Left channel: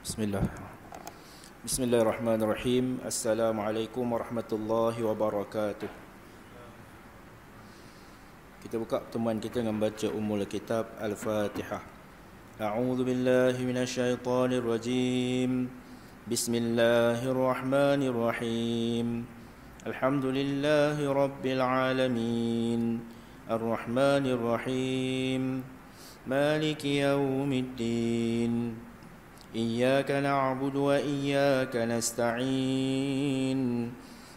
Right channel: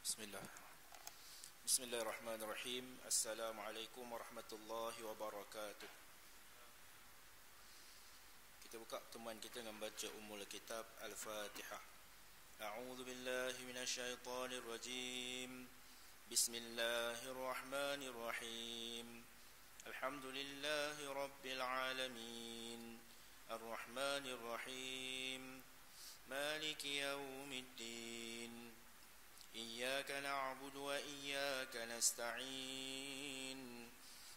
Bismillah. Bismillahirrahmanirrahim. Assalamualaikum warahmatullahi wabarakatuh. Kita buka pertemuan kita dengan baca Ummul Kitab Al-Fatihah. A'udzu billahi minasyaitonir rajim. Bismillahirrahmanirrahim. Alhamdulillahi rabbil alamin. Ar-Rahmanir Rahim. Maliki yaumiddin. إياك نعبد وإياك نستعين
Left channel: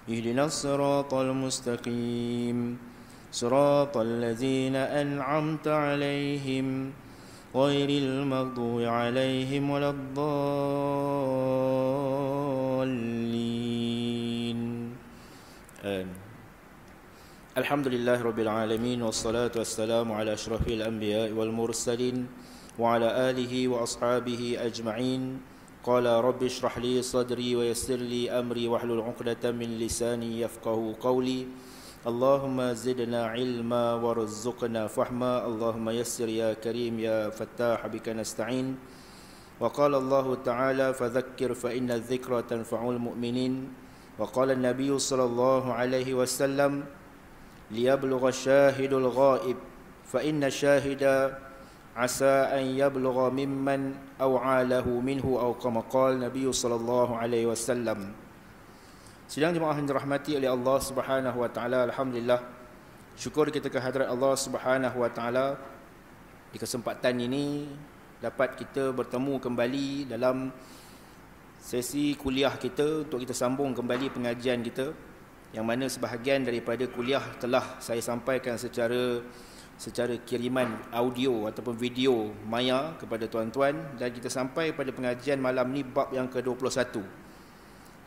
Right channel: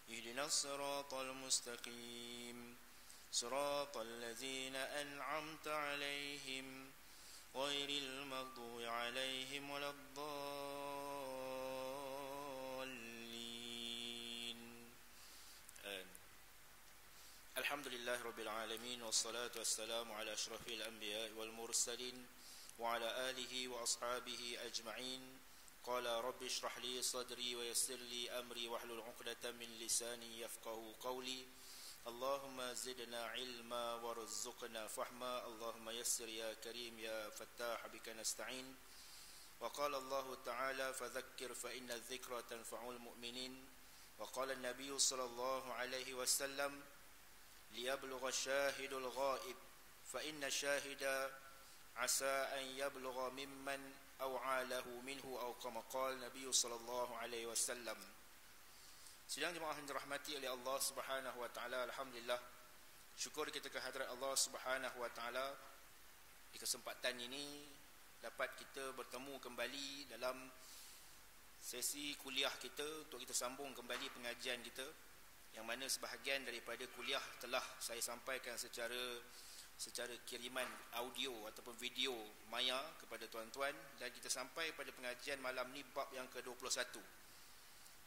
اهدنا الصراط المستقيم صراط الذين أنعمت عليهم غير المغضوب عليهم ولا الضالين آمين. الحمد لله رب العالمين والصلاة والسلام على أشرف الأنبياء والمرسلين وعلى آله وأصحابه أجمعين. قال رب اشرح لي صدري ويسر لي أمري واحلل عقدة من لساني يفقه قولي. اللهم زدنا علما وارزقنا فهما. اللهم يسر يا كريم يا فتاح بك نستعين. وقال الله تعالى فذكر فإن الذكرى تنفع المؤمنين. وقال النبي صلى الله عليه وسلم ليبلغ الشاهد الغائب فإن الشاهد asa an yablugha mimman aw'alahu minhu aw kama qala Nabi sallallahu alaihi wasallam. Sidang jemaah yang dirahmati oleh Allah Subhanahu wa taala, alhamdulillah syukur kita kehadrat Allah Subhanahu wa taala di kesempatan ini dapat kita bertemu kembali dalam sesi kuliah kita untuk kita sambung kembali pengajian kita, yang mana sebahagian daripada kuliah telah saya sampaikan secara kiriman audio ataupun video maya kepada tuan-tuan, dan kita sampai pada pengajian malam ni bab yang ke-21,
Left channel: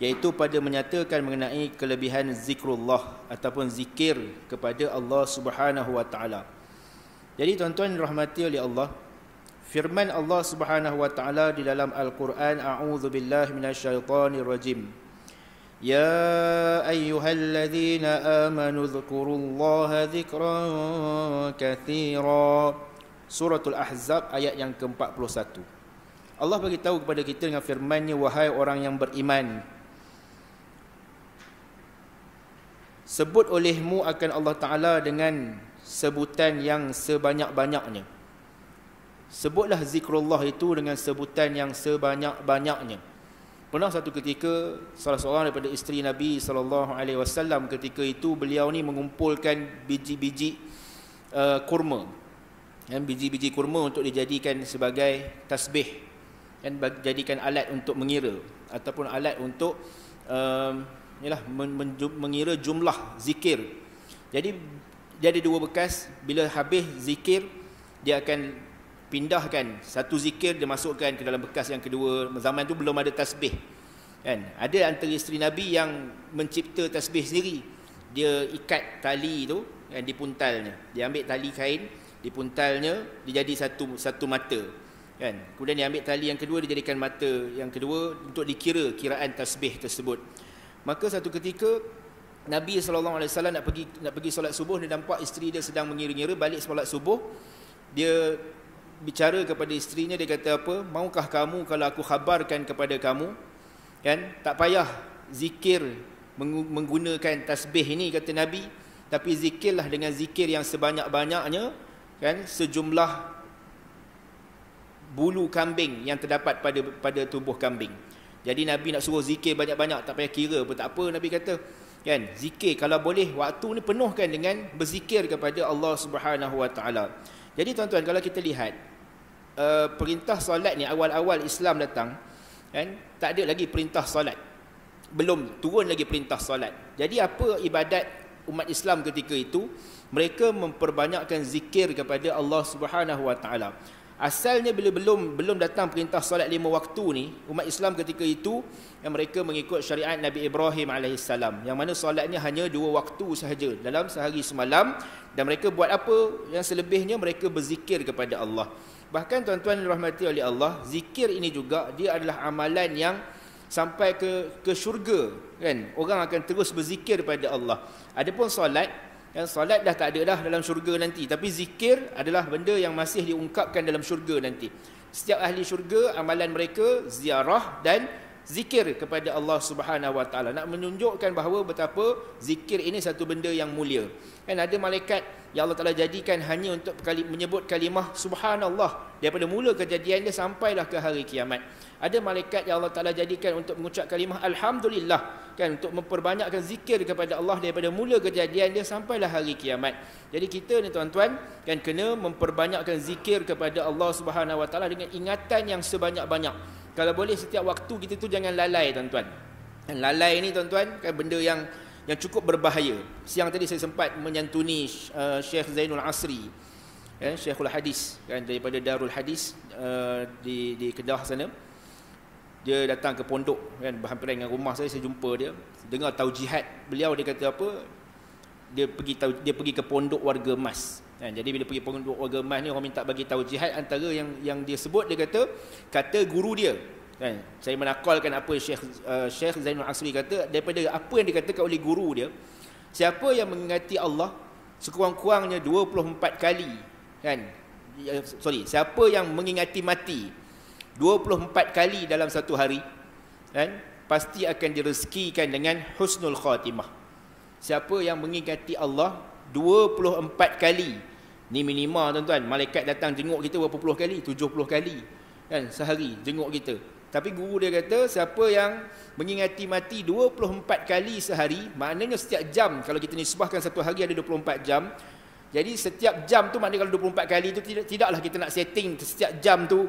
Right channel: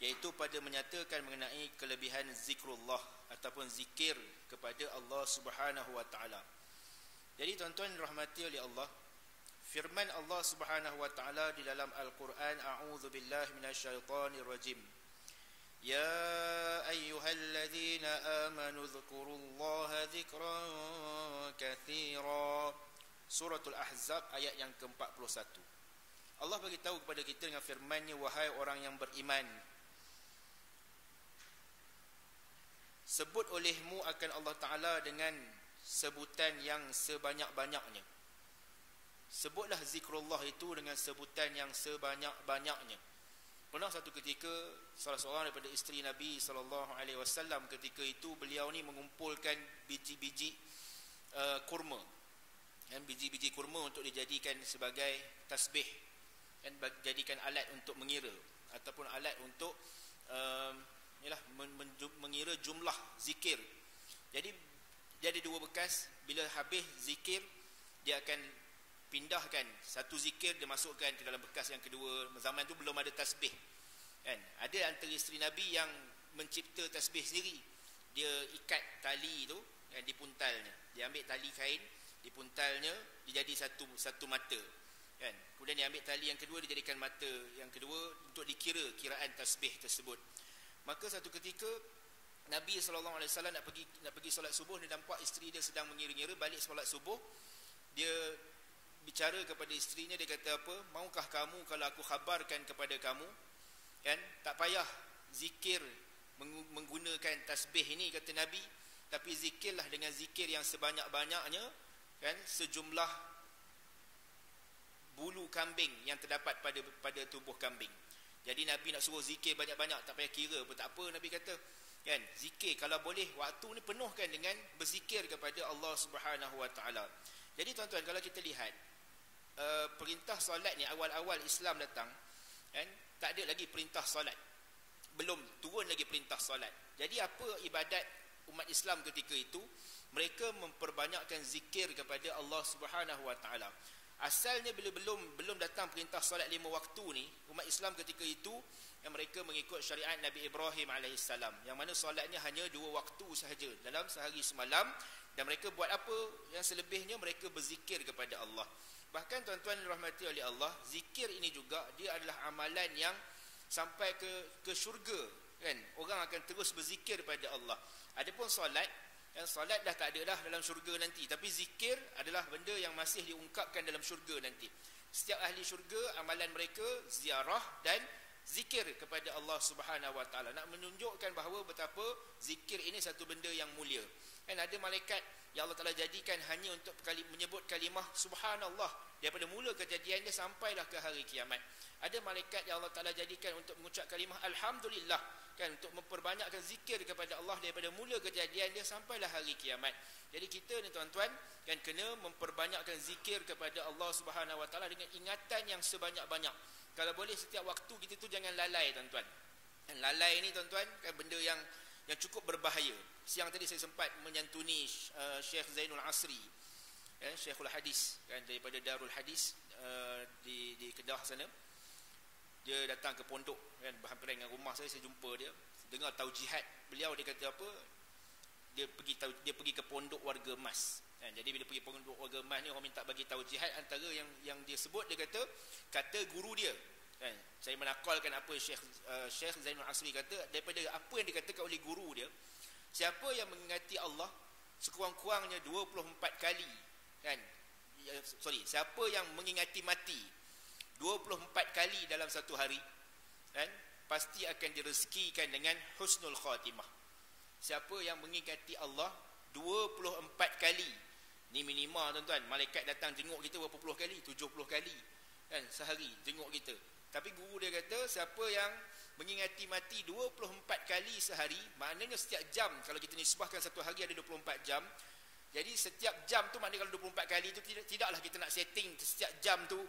iaitu pada menyatakan mengenai kelebihan zikrullah ataupun zikir kepada Allah Subhanahu wa taala. Jadi tuan-tuan dirahmati oleh Allah, firman Allah Subhanahu wa taala di dalam Al-Quran, a'udzu billahi minasyaitonir rajim. يا أيها الذين آمنوا اذكروا الله ذكرا كثيرا. Suratul Ahzab ayat yang ke-41. Allah beritahu kepada kita dengan firman-Nya, wahai orang yang beriman, sebut olehmu akan Allah Ta'ala dengan sebutan yang sebanyak-banyaknya. Sebutlah zikrullah itu dengan sebutan yang sebanyak-banyaknya. Pernah satu ketika salah seorang daripada isteri Nabi SAW, ketika itu beliau ni mengumpulkan biji-biji kurma, biji-biji kurma untuk dijadikan sebagai tasbih, dan jadikan alat untuk mengira ataupun alat untuk mengira jumlah zikir. Jadi dia ada dua bekas. Bila habis zikir, dia akan pindahkan satu zikir, dia masukkan ke dalam bekas yang kedua. Zaman tu belum ada tasbih, kan? Ada antara isteri Nabi yang mencipta tasbih sendiri. Dia ikat tali tu, kan, di puntalnya. Dia ambil tali kain, di puntalnya dia jadi satu mata, kan? Kemudian dia ambil tali yang kedua, dia jadikan mata yang kedua untuk dikira kiraan tasbih tersebut. Maka satu ketika Nabi SAW nak pergi solat subuh, dia nampak isteri dia sedang mengira-ngira. Balik solat subuh, dia bicara kepada isterinya, dia kata apa? Maukah kamu kalau aku khabarkan kepada kamu, kan, tak payah zikir menggunakan tasbih ini, kata Nabi, tapi zikirlah dengan zikir yang sebanyak-banyaknya, kan, sejumlah bulu kambing yang terdapat pada tubuh kambing. Jadi Nabi nak suruh zikir banyak-banyak, tak payah kira pun tak apa. Nabi kata, kan, zikir kalau boleh waktu ni penuhkan dengan berzikir kepada Allah Subhanahu wa taala. Jadi tuan-tuan, kalau kita lihat perintah solat ni, awal-awal Islam datang, kan, tak ada lagi perintah solat, belum turun lagi perintah solat. Jadi apa ibadat umat Islam ketika itu? Mereka memperbanyakkan zikir kepada Allah Subhanahu wa taala. Asalnya bila belum datang perintah solat 5 waktu ni, umat Islam ketika itu yang mereka mengikut syariat Nabi Ibrahim AS, yang mana solatnya hanya 2 waktu sahaja dalam sehari semalam, dan mereka buat apa? Yang selebihnya mereka berzikir kepada Allah. Bahkan tuan-tuan dirahmati oleh Allah, zikir ini juga dia adalah amalan yang sampai ke syurga, kan? Orang akan terus berzikir pada Allah. Adapun solat, Yang solat dah tak ada dah dalam syurga nanti, tapi zikir adalah benda yang masih diungkapkan dalam syurga nanti. Setiap ahli syurga amalan mereka ziarah dan zikir kepada Allah Subhanahu Wa Taala, nak menunjukkan bahawa betapa zikir ini satu benda yang mulia. Kan ada malaikat yang Allah Taala jadikan hanya untuk menyebut kalimah subhanallah daripada mula kejadian dia sampailah ke hari kiamat. Ada malaikat yang Allah Taala jadikan untuk mengucap kalimah alhamdulillah, kan, untuk memperbanyakkan zikir kepada Allah daripada mula kejadian dia sampailah hari kiamat. Jadi kita ni tuan-tuan kan kena memperbanyakkan zikir kepada Allah Subhanahu Wa Taala dengan ingatan yang sebanyak-banyak. Kalau boleh setiap waktu kita tu jangan lalai tuan-tuan. Dan lalai ni tuan-tuan kan benda yang cukup berbahaya. Siang tadi saya sempat menyantuni Syekh Zainul Asri, Syekhul Hadis kan, daripada Darul Hadis di Kedah sana. Dia datang ke pondok kan, berhampiran dengan rumah saya jumpa dia, dengar taujihat beliau. Dia kata apa, dia pergi ke pondok warga emas kan. Jadi bila pergi pondok warga emas ni, orang minta bagi taujihat. Antara yang dia sebut, dia kata guru dia kan. Saya menakalkan apa Syekh Zainul Asri kata, daripada apa yang dikatakan oleh guru dia, siapa yang mengingati Allah sekurang-kurangnya 24 kali kan, siapa yang mengingati mati 24 kali dalam satu hari kan, pasti akan direzekikan dengan husnul khatimah. Siapa yang mengingati Allah 24 kali, ni minima tuan-tuan. Malaikat datang jenguk kita berapa puluh kali, 70 kali kan sehari jenguk kita. Tapi guru dia kata siapa yang mengingati mati 24 kali sehari, maknanya setiap jam, kalau kita nisbahkan satu hari ada 24 jam, jadi setiap jam tu maknanya kalau 24 kali tu tidaklah kita nak setting setiap jam tu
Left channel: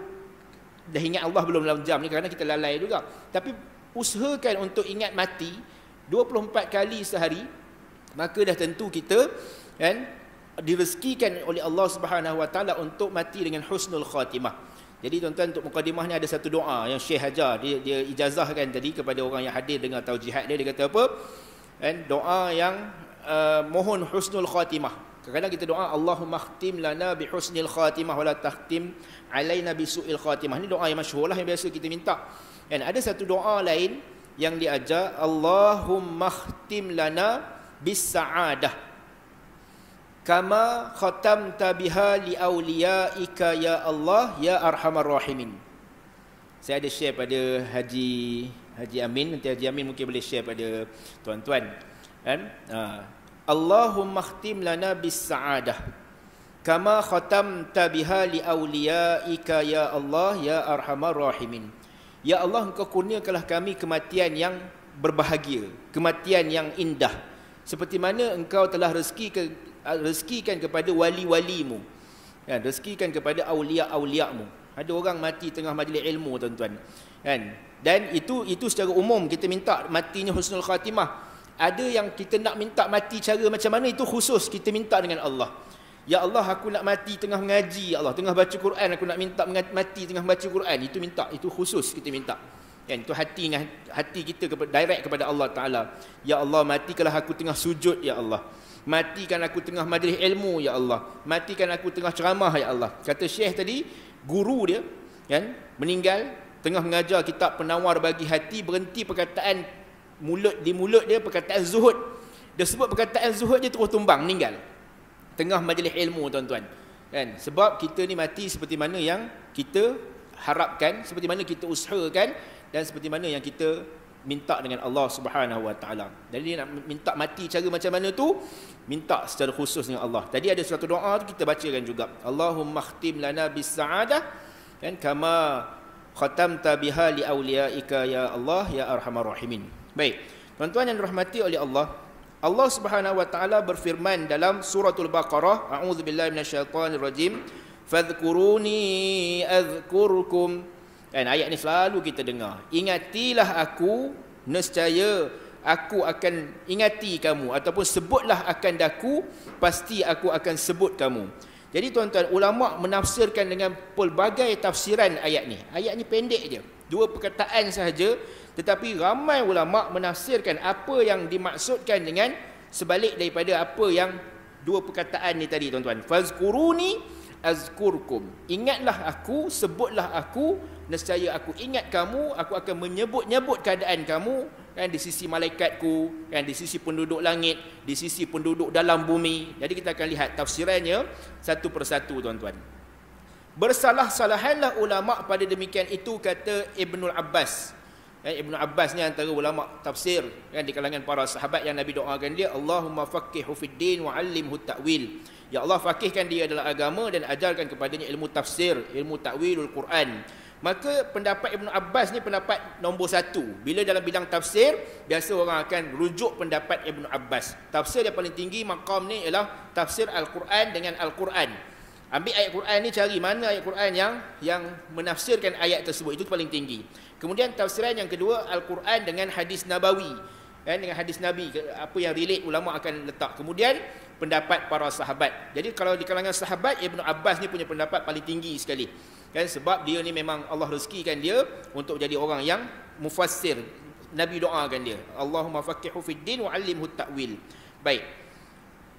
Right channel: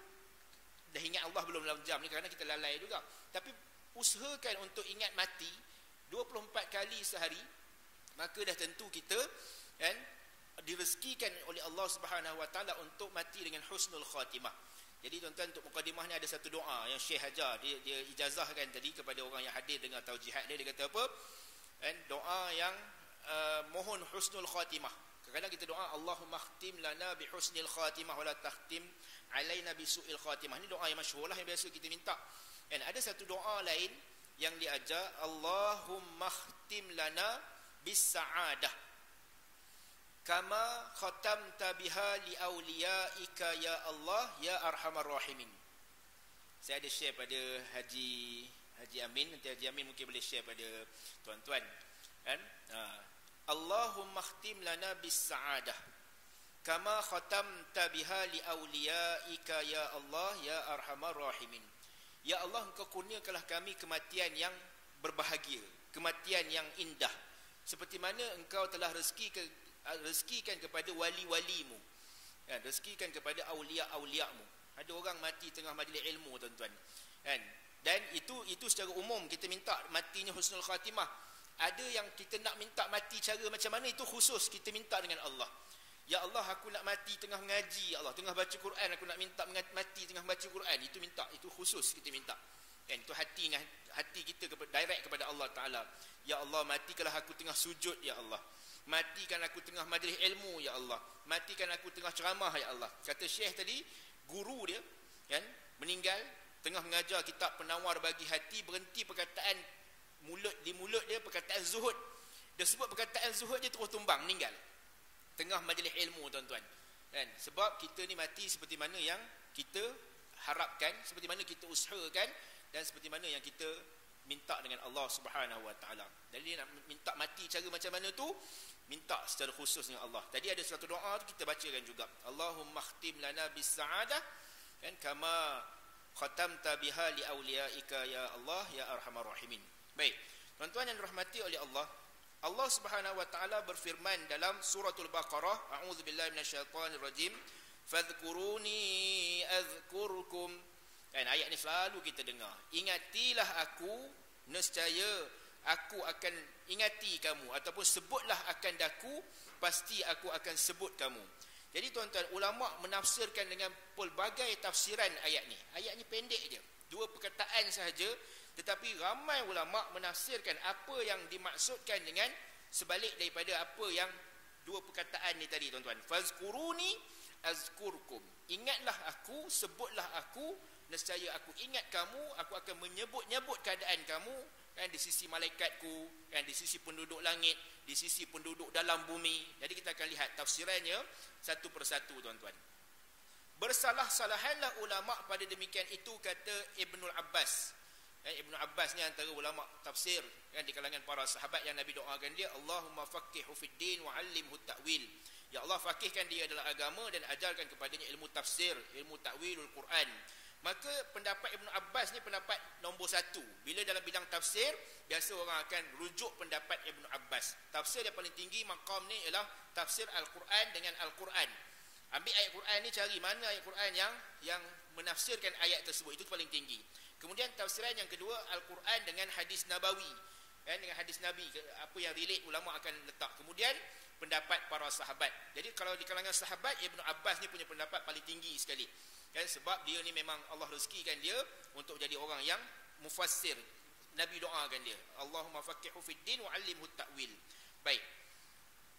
dah ingat Allah belum dalam jam ni, kerana kita lalai juga. Tapi usahakan untuk ingat mati 24 kali sehari, maka dah tentu kita kan direzekikan oleh Allah Subhanahu Wa Taala untuk mati dengan husnul khatimah. Jadi tuan-tuan, untuk mukadimah ni ada satu doa yang Syekh ajar, dia ijazahkan tadi kepada orang yang hadir dengar taujihat dia. Dia kata apa kan, doa yang mohon husnul khatimah. Kadang-kadang kita doa Allahumma khtim lana bi husnil khatimah wa la takhtim alaina bi su'il khatimah. Ini doa yang masyhur lah, yang biasa kita minta. Dan ada satu doa lain yang diajar, Allahumma khtim lana bis sa'adah kama khatamta biha li awliyaika ya Allah ya arhamar rahimin. Saya ada share pada Haji Amin, nanti Haji Amin mungkin boleh share pada tuan-tuan kan. Allahumma khtim lana bis sa'adah kama khatamta biha li awliyaika ya Allah ya arhamar rahimin. Ya Allah, engkau kurniakanlah kami kematian yang berbahagia, kematian yang indah, seperti mana engkau telah rezekikan kepada wali-walimu kan, rezekikan kepada aulia-auliamu. Ada orang mati tengah majlis ilmu tuan-tuan kan, dan itu secara umum kita minta matinya husnul khatimah. Ada yang kita nak minta mati cara macam mana, itu khusus kita minta dengan Allah. Ya Allah, aku nak mati tengah mengaji, ya Allah, tengah baca Quran, aku nak minta mati tengah baca Quran. Itu minta, itu khusus kita minta kan, itu hati kita direct kepada Allah Taala. Ya Allah, matikanlah aku tengah sujud ya Allah, matikan aku tengah majlis ilmu ya Allah, matikan aku tengah ceramah ya Allah. Kata Syekh tadi, guru dia kan meninggal tengah mengajar kitab Penawar Bagi Hati, berhenti perkataan di mulut dia perkataan zuhud. Dia sebut perkataan zuhud, dia terus tumbang, meninggal tengah majlis ilmu tuan-tuan kan. Sebab kita ni mati seperti mana yang kita harapkan, seperti mana kita usahakan, dan seperti mana yang kita minta dengan Allah Subhanahu Wa Taala. Jadi nak minta mati cara macam mana tu, minta secara khusus dengan Allah. Tadi ada satu doa tu kita bacakan juga, Allahumma khtim lana bis sa'adah kan kama khatamta biha li awliyaika ya Allah ya arhamar rahimin. Baik, tuan-tuan yang dirahmati oleh Allah, Allah Subhanahu Wa Taala berfirman dalam suratul Baqarah, a'udzubillahi minasyaitonir rajim, fadhkuruni azkurkum. Dan ayat ni selalu kita dengar, ingatilah aku, nescaya aku akan ingati kamu, ataupun sebutlah akan daku, pasti aku akan sebut kamu. Jadi tuan-tuan, ulama menafsirkan dengan pelbagai tafsiran ayat ni. Ayat ni pendek je, 2 perkataan sahaja, tetapi ramai ulama menafsirkan apa yang dimaksudkan dengan sebalik daripada apa yang 2 perkataan ni tadi tuan-tuan. Fazkuruni azkurkum, ingatlah aku, sebutlah aku, nescaya aku ingat kamu, aku akan menyebut-nyebut keadaan kamu kan, di sisi malaikatku, kan, di sisi penduduk langit, di sisi penduduk dalam bumi. Jadi kita akan lihat tafsirannya satu persatu, tuan-tuan. Bersalah-salahanlah ulama pada demikian itu, kata Ibnul Abbas. Ibnu Abbas ni antara ulama tafsir, kan, di kalangan para sahabat yang Nabi doakan dia, Allahumma faqihhu fid din wa 'allimhu ta'wil. Ya Allah, faqihkan dia dalam agama dan ajarkan kepadanya ilmu tafsir, ilmu ta'wilul Quran. Maka pendapat Ibnu Abbas ni pendapat nombor satu. Bila dalam bidang tafsir, biasa orang akan rujuk pendapat Ibnu Abbas. Tafsir yang paling tinggi maqam ni ialah tafsir Al-Quran dengan Al-Quran. Ambil ayat Quran ni, cari mana ayat Quran yang menafsirkan ayat tersebut, itu paling tinggi. Kemudian tafsiran yang kedua, Al-Quran dengan hadis Nabawi, kan, dengan hadis Nabi, apa yang relate ulama akan letak. Kemudian pendapat para sahabat. Jadi kalau di kalangan sahabat, Ibnu Abbas ni punya pendapat paling tinggi sekali, kan, sebab dia ni memang Allah rezekikan dia untuk jadi orang yang mufassir. Nabi doakan dia, Allahumma faqihhu fid din wa 'allimhu ta'wil. Baik.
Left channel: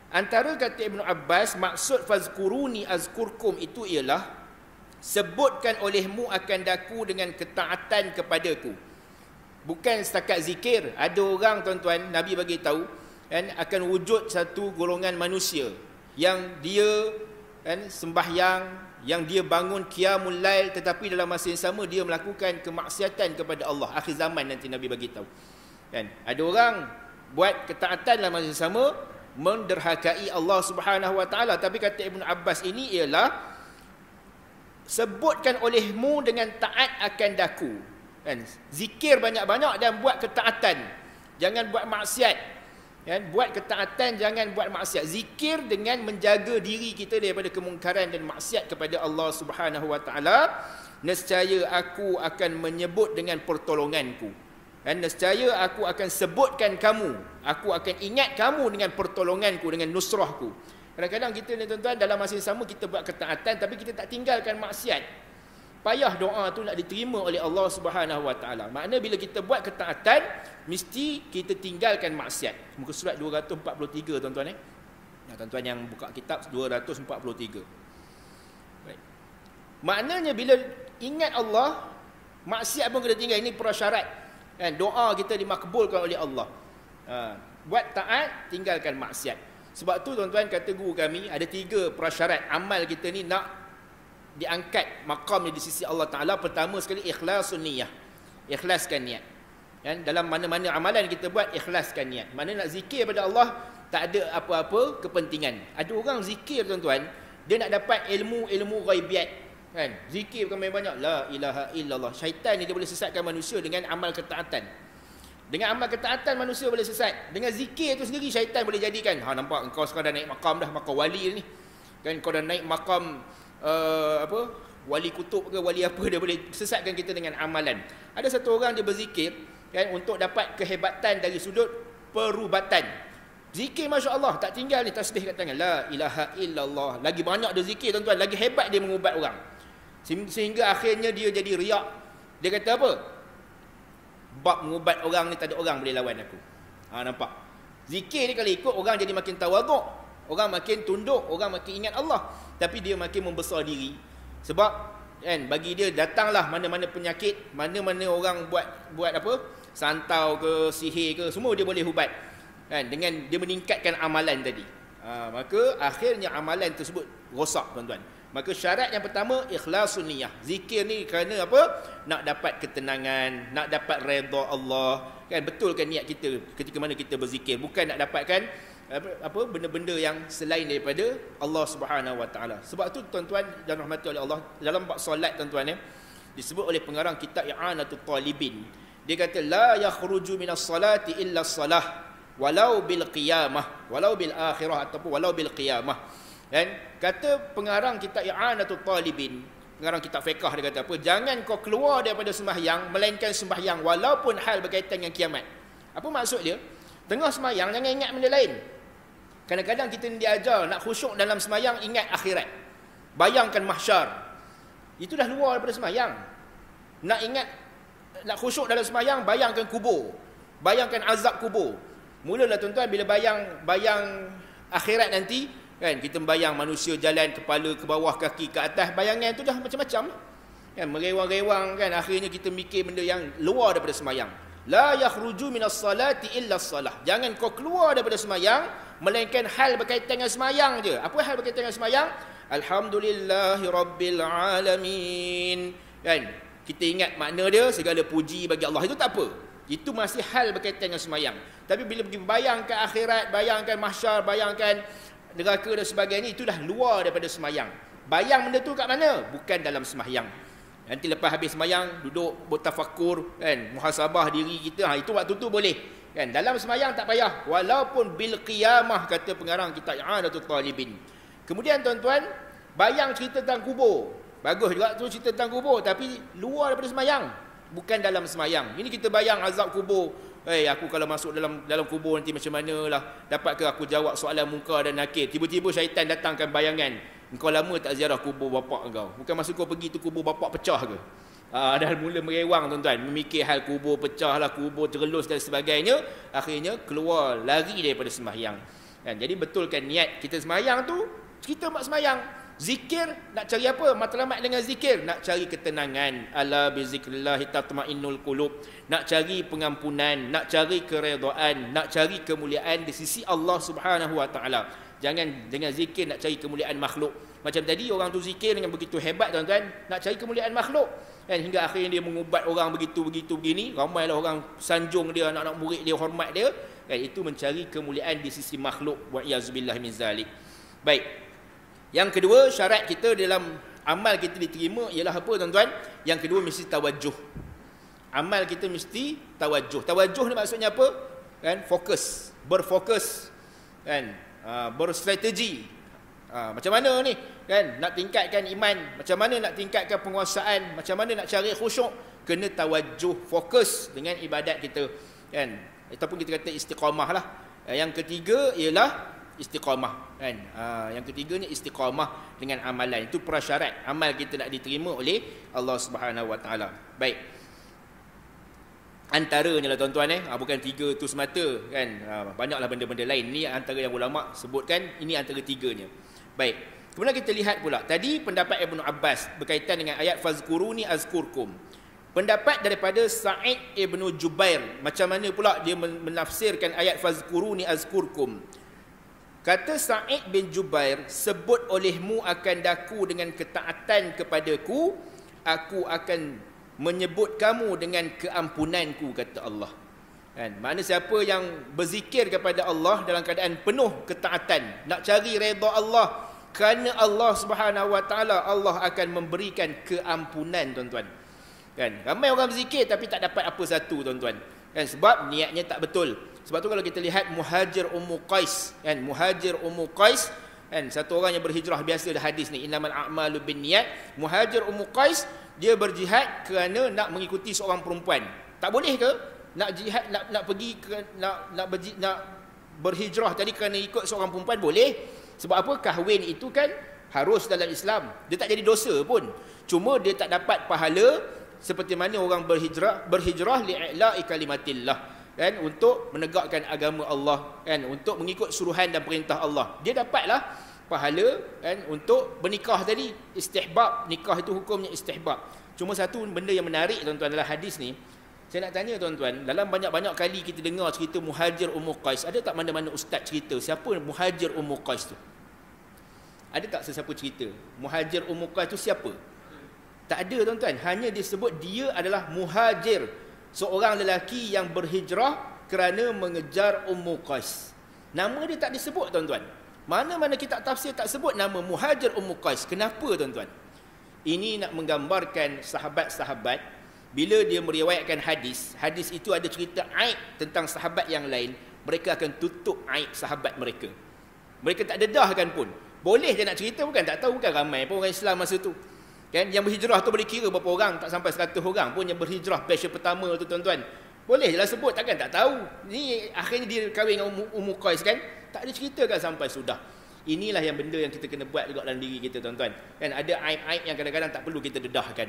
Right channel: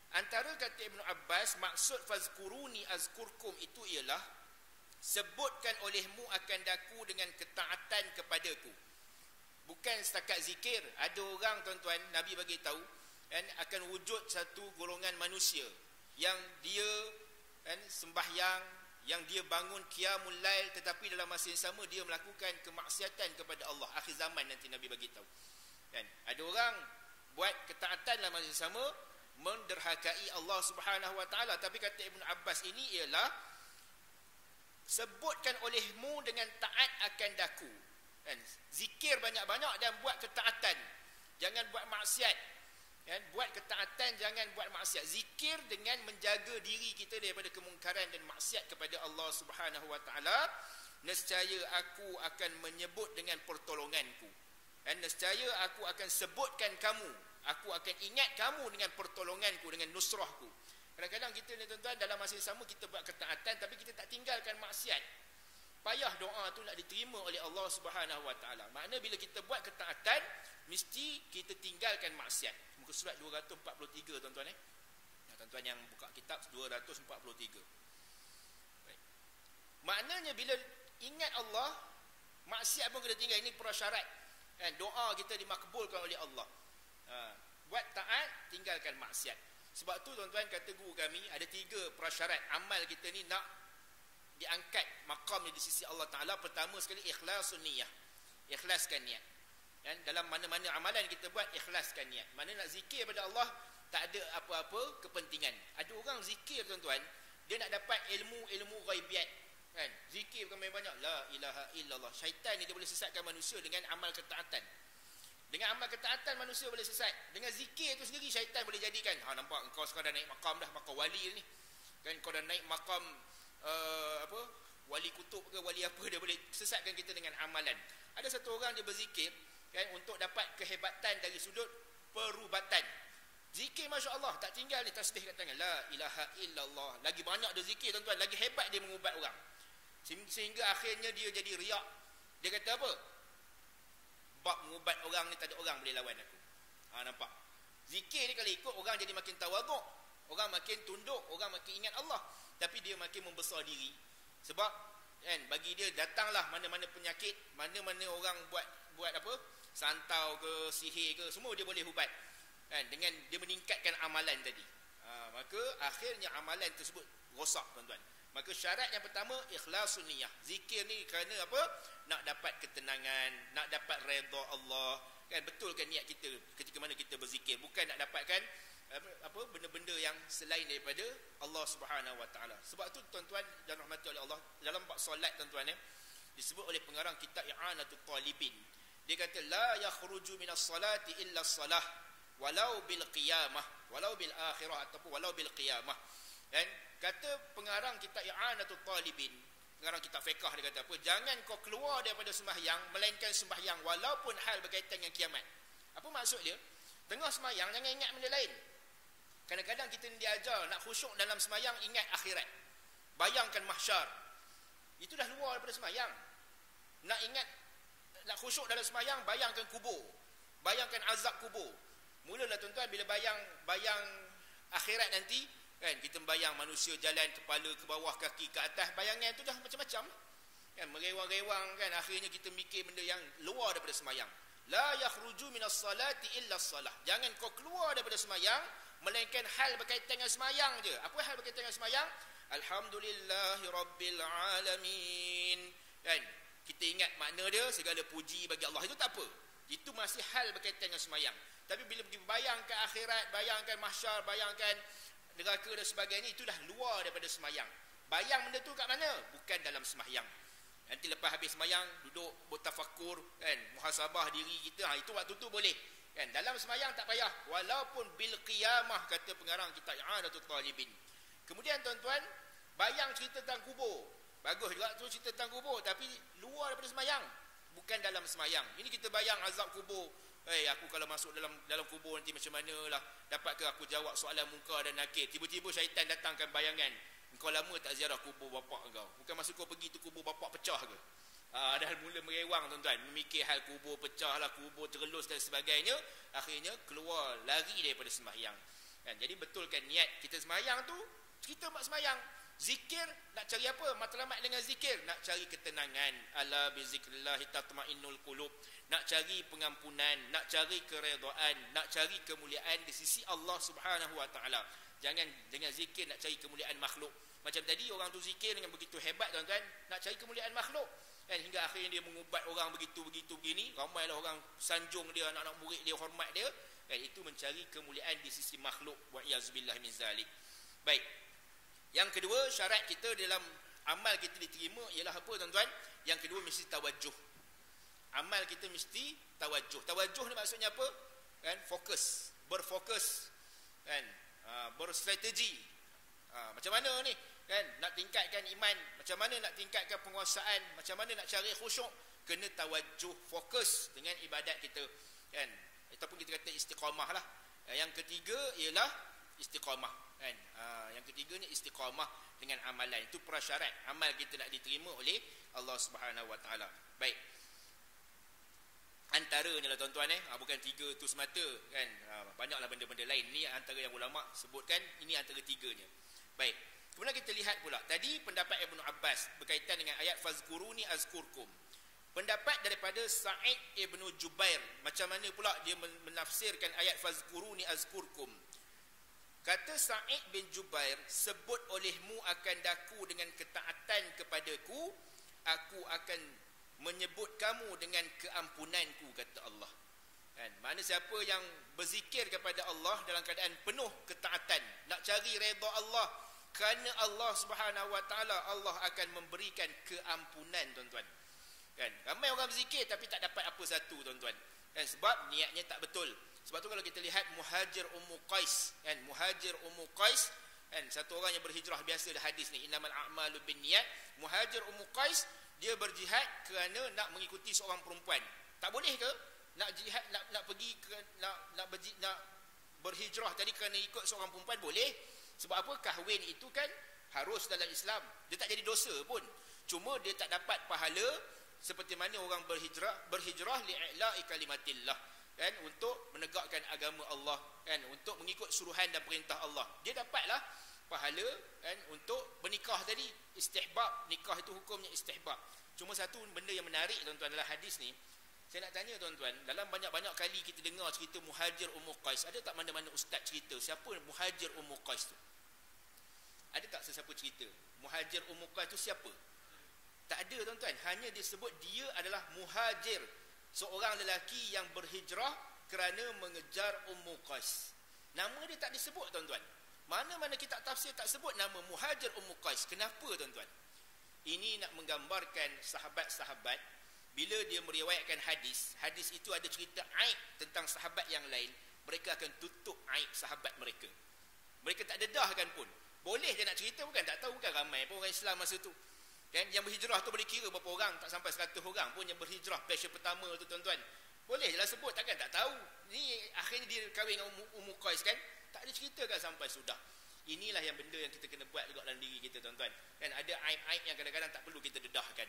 Antara kata Ibnu Abbas, maksud fazkuruni azkurkum itu ialah sebutkan olehmu akan daku dengan ketaatan kepadaku. Bukan setakat zikir. Ada orang, tuan-tuan, Nabi bagi tahu, kan, akan wujud satu golongan manusia yang dia, kan, sembahyang, yang dia bangun qiyamul lail, tetapi dalam masa yang sama dia melakukan kemaksiatan kepada Allah. Akhir zaman nanti Nabi bagi tahu, kan, ada orang buat ketaatan dalam masa yang sama, menderhakai Allah Subhanahu wa taala. Tapi kata Ibnu Abbas ini ialah sebutkan olehmu dengan taat akan daku, kan, zikir banyak-banyak dan buat ketaatan, jangan buat maksiat, kan, buat ketaatan, jangan buat maksiat. Zikir dengan menjaga diri kita daripada kemungkaran dan maksiat kepada Allah Subhanahu wa taala. Nescaya aku akan menyebut dengan pertolonganku, dan nescaya aku akan sebutkan kamu, aku akan ingat kamu dengan pertolonganku, dengan nusrahku. Kadang-kadang kita ni, tuan-tuan, dalam masa yang sama kita buat ketaatan tapi kita tak tinggalkan maksiat. Payah doa tu nak diterima oleh Allah Subhanahu wa taala. Makna bila kita buat ketaatan, mesti kita tinggalkan maksiat. Muka surat 243, tuan-tuan, tuan-tuan yang buka kitab 243. Baik. Maknanya bila ingat Allah, maksiat pun kena tinggal. Ini prasyarat, kan, doa kita dimakbulkan oleh Allah. Buat taat, tinggalkan maksiat. Sebab tu, tuan-tuan, kata guru kami, ada 3 prasyarat amal kita ni nak diangkat maqamnya di sisi Allah Ta'ala. Pertama sekali, ikhlasun niyah, ikhlaskan niat, kan? Dalam mana-mana amalan kita buat, ikhlaskan niat. Mana nak zikir pada Allah, tak ada apa-apa kepentingan. Ada orang zikir, tuan-tuan, dia nak dapat ilmu ghaibiat, kan? Zikir bukan main banyak, la ilaha illallah. Syaitan ni dia boleh sesatkan manusia dengan amal ketaatan. Dengan amal ketaatan manusia boleh sesat. Dengan zikir tu sendiri syaitan boleh jadikan, nampak engkau sekarang dah naik makam dah, makam wali ni, kan, kau dah naik makam wali kutub ke wali apa, dia boleh sesatkan kita dengan amalan. Ada satu orang dia berzikir, kan, untuk dapat kehebatan dari sudut perubatan. Zikir masya-Allah, tak tinggal ni tasbih kat tangan, la ilaha illallah. Lagi banyak dia zikir, tuan-tuan, lagi hebat dia mengubat orang. Sehingga akhirnya dia jadi riak. Dia kata apa? Bab mengubat orang ni tak ada orang boleh lawan aku. Nampak? Zikir ni kalau ikut, orang jadi makin tawaduk, orang makin tunduk, orang makin ingat Allah, tapi dia makin membesar diri. Sebab, kan, bagi dia datanglah mana-mana penyakit, mana-mana orang buat apa, santau ke, sihir ke, semua dia boleh ubat, kan, dengan dia meningkatkan amalan tadi. Maka akhirnya amalan tersebut rosak, tuan-tuan. Maka syarat yang pertama, ikhlasun niyah. Zikir ni kerana apa? Nak dapat ketenangan, nak dapat redha Allah, kan, betulkan niat kita ketika mana kita berzikir, bukan nak dapatkan apa benda-benda yang selain daripada Allah Subhanahu wa taala. Sebab tu, tuan-tuan dan rahmati oleh Allah, dalam bab solat, tuan-tuan, disebut oleh pengarang kitab I'anatul Talibin, dia kata la yakhruju minas salati illa salah walau bil qiyamah, walau bil akhirah, ataupun walau bil qiyamah. Dan kata pengarang kitab I'anatul Talibin, pengarang kitab fiqh, dia kata apa? Jangan kau keluar daripada sembahyang melainkan sembahyang walaupun hal berkaitan dengan kiamat. Apa maksud dia? Tengah sembahyang jangan ingat benda lain. Kadang-kadang kita ni diajar nak khusyuk dalam sembahyang, ingat akhirat, bayangkan mahsyar. Itu dah luar daripada sembahyang. Nak khusyuk dalam sembahyang, bayangkan kubur, bayangkan azab kubur. Mulalah, tuan-tuan, bila bayang akhirat nanti, kan, kita membayang manusia jalan kepala ke bawah, kaki ke atas, bayangan tu dah macam-macam, kan, merewang-rewang, kan, akhirnya kita mikir benda yang luar daripada sembahyang. La yakhruju minas salati illa salah. Jangan kau keluar daripada semayang melainkan hal berkaitan dengan semayang je. Apa hal berkaitan dengan semayang? Alhamdulillahi rabbil alamin. Kan? Kita ingat makna dia, segala puji bagi Allah. Itu tak apa. Itu masih hal berkaitan dengan semayang. Tapi bila pergi bayangkan akhirat, bayangkan mahsyar, bayangkan neraka dan sebagainya, itu dah luar daripada semayang. Bayang benda tu kat mana? Bukan dalam semayang. Nanti lepas habis semayang, duduk bertafakur, kan, muhasabah diri kita, itu waktu tu boleh. Kan, dalam semayang tak payah. Walaupun bil qiyamah, kata pengarang kitab I'anatul Talibin. Kemudian tuan-tuan, bayang cerita tentang kubur. Bagus juga tu cerita tentang kubur, tapi luar daripada semayang, bukan dalam semayang. Ini kita bayang azab kubur. Aku kalau masuk dalam kubur nanti macam manalah? Dapatkah aku jawab soalan munkar dan nakir? Tiba-tiba syaitan datangkan bayangan. Engkau lama tak ziarah kubur bapak engkau. Bukan masa kau pergi tu kubur bapak pecah ke? Dah mula merewang tuan-tuan. Memikir hal kubur pecah lah, kubur terelus dan sebagainya. Akhirnya keluar, lari daripada sembahyang. Kan? Jadi betulkan niat kita sembahyang tu, kita buat sembahyang. Zikir, nak cari apa? Matlamat dengan zikir, nak cari ketenangan. Ala bizikrillah tatma'innul qulub. Nak cari pengampunan, nak cari keredaan, nak cari kemuliaan di sisi Allah Subhanahu wa taala. Jangan dengan zikir nak cari kemuliaan makhluk. Macam tadi orang tu zikir dengan begitu hebat tuan-tuan, nak cari kemuliaan makhluk. Kan, hingga akhirnya dia mengubat orang begitu begini, ramailah orang sanjung dia, anak-anak murid dia hormat dia. Kan, itu mencari kemuliaan di sisi makhluk. Wa iyazubillah min zalik. Baik. Yang kedua, syarat kita dalam amal kita diterima ialah apa tuan-tuan? Yang kedua mesti tawajuh. Amal kita mesti tawajuh. Tawajuh ni maksudnya apa? Kan, fokus, berfokus, kan, berstrategi. Macam mana ni? Kan, nak tingkatkan iman, macam mana nak tingkatkan penguasaan, macam mana nak cari khusyuk, kena tawajuh, fokus dengan ibadat kita, kan? Ataupun kita kata istiqamah lah. Yang ketiga ialah istiqamah, kan? Yang ketiganya istiqamah dengan amalan. Itu prasyarat amal kita nak diterima oleh Allah Subhanahu wa taala. Baik. Antaranya lah tuan-tuan, bukan tiga tu semata, kan? Banyaklah benda-benda lain. Ini antara yang ulama sebutkan, ini antara tiganya. Baik. Kemudian kita lihat pula tadi pendapat Ibnu Abbas berkaitan dengan ayat fazkuruni azkurkum. Pendapat daripada Sa'id Ibnu Jubair, macam mana pula dia menafsirkan ayat fazkuruni azkurkum. Kata Sa'id bin Jubair, sebut olehmu akan daku dengan ketaatan kepadaku, aku akan menyebut kamu dengan keampunanku, kata Allah. Kan? Makna siapa yang berzikir kepada Allah dalam keadaan penuh ketaatan, nak cari redha Allah, kerana Allah Subhanahu wa taala, Allah akan memberikan keampunan, tuan-tuan. Kan? Ramai orang berzikir tapi tak dapat apa satu, tuan-tuan. Kan? Sebab niatnya tak betul. Sebab tu kalau kita lihat Muhajir Ummu Qais, kan, Muhajir Ummu Qais, kan, satu orang yang berhijrah, biasa dah hadis ni, innamal a'malu binniyat. Muhajir Ummu Qais, dia berjihad kerana nak mengikuti seorang perempuan. Tak boleh ke nak jihad, nak pergi ke, nak berhijrah tadi kerana ikut seorang perempuan? Boleh. Sebab apa? Kahwin itu kan harus dalam Islam. Dia tak jadi dosa pun. Cuma dia tak dapat pahala seperti mana orang berhijrah li'ila'i kalimatillah, kan, untuk menegakkan agama Allah, kan, untuk mengikut suruhan dan perintah Allah. Dia dapatlah pahala, kan, untuk bernikah tadi, istihbab. Nikah itu hukumnya istihbab. Cuma satu benda yang menarik, tuan-tuan, dalam hadis ni, saya nak tanya tuan-tuan, dalam banyak-banyak kali kita dengar cerita Muhajir Ummu Qais, ada tak mana-mana ustaz cerita siapa Muhajir Ummu Qais tu? Ada tak sesiapa cerita Muhajir Ummu Qais tu siapa? Tak ada, tuan-tuan. Hanya disebut dia adalah muhajir, seorang lelaki yang berhijrah kerana mengejar Ummu Qais. Nama dia tak disebut, tuan-tuan. Mana-mana kitab tafsir tak sebut nama Muhajir Ummu Qais. Kenapa, tuan-tuan? Ini nak menggambarkan sahabat-sahabat, bila dia meriwayatkan hadis, hadis itu ada cerita aib tentang sahabat yang lain, mereka akan tutup aib sahabat mereka. Mereka tak dedahkan pun. Boleh dia nak cerita, bukan tak tahu, bukan ramai pun orang Islam masa tu. Kan, yang berhijrah tu boleh kira berapa orang, tak sampai 100 orang pun yang berhijrah batch pertama tu, tuan-tuan. Boleh je lah sebut, takkan tak tahu. Ni akhirnya dia kahwin dengan Ummu Qais, kan? Tak ada cerita kan sampai sudah. Inilah yang benda yang kita kena buat juga dalam diri kita, tuan-tuan. Kan, ada aib-aib yang kadang-kadang tak perlu kita dedahkan.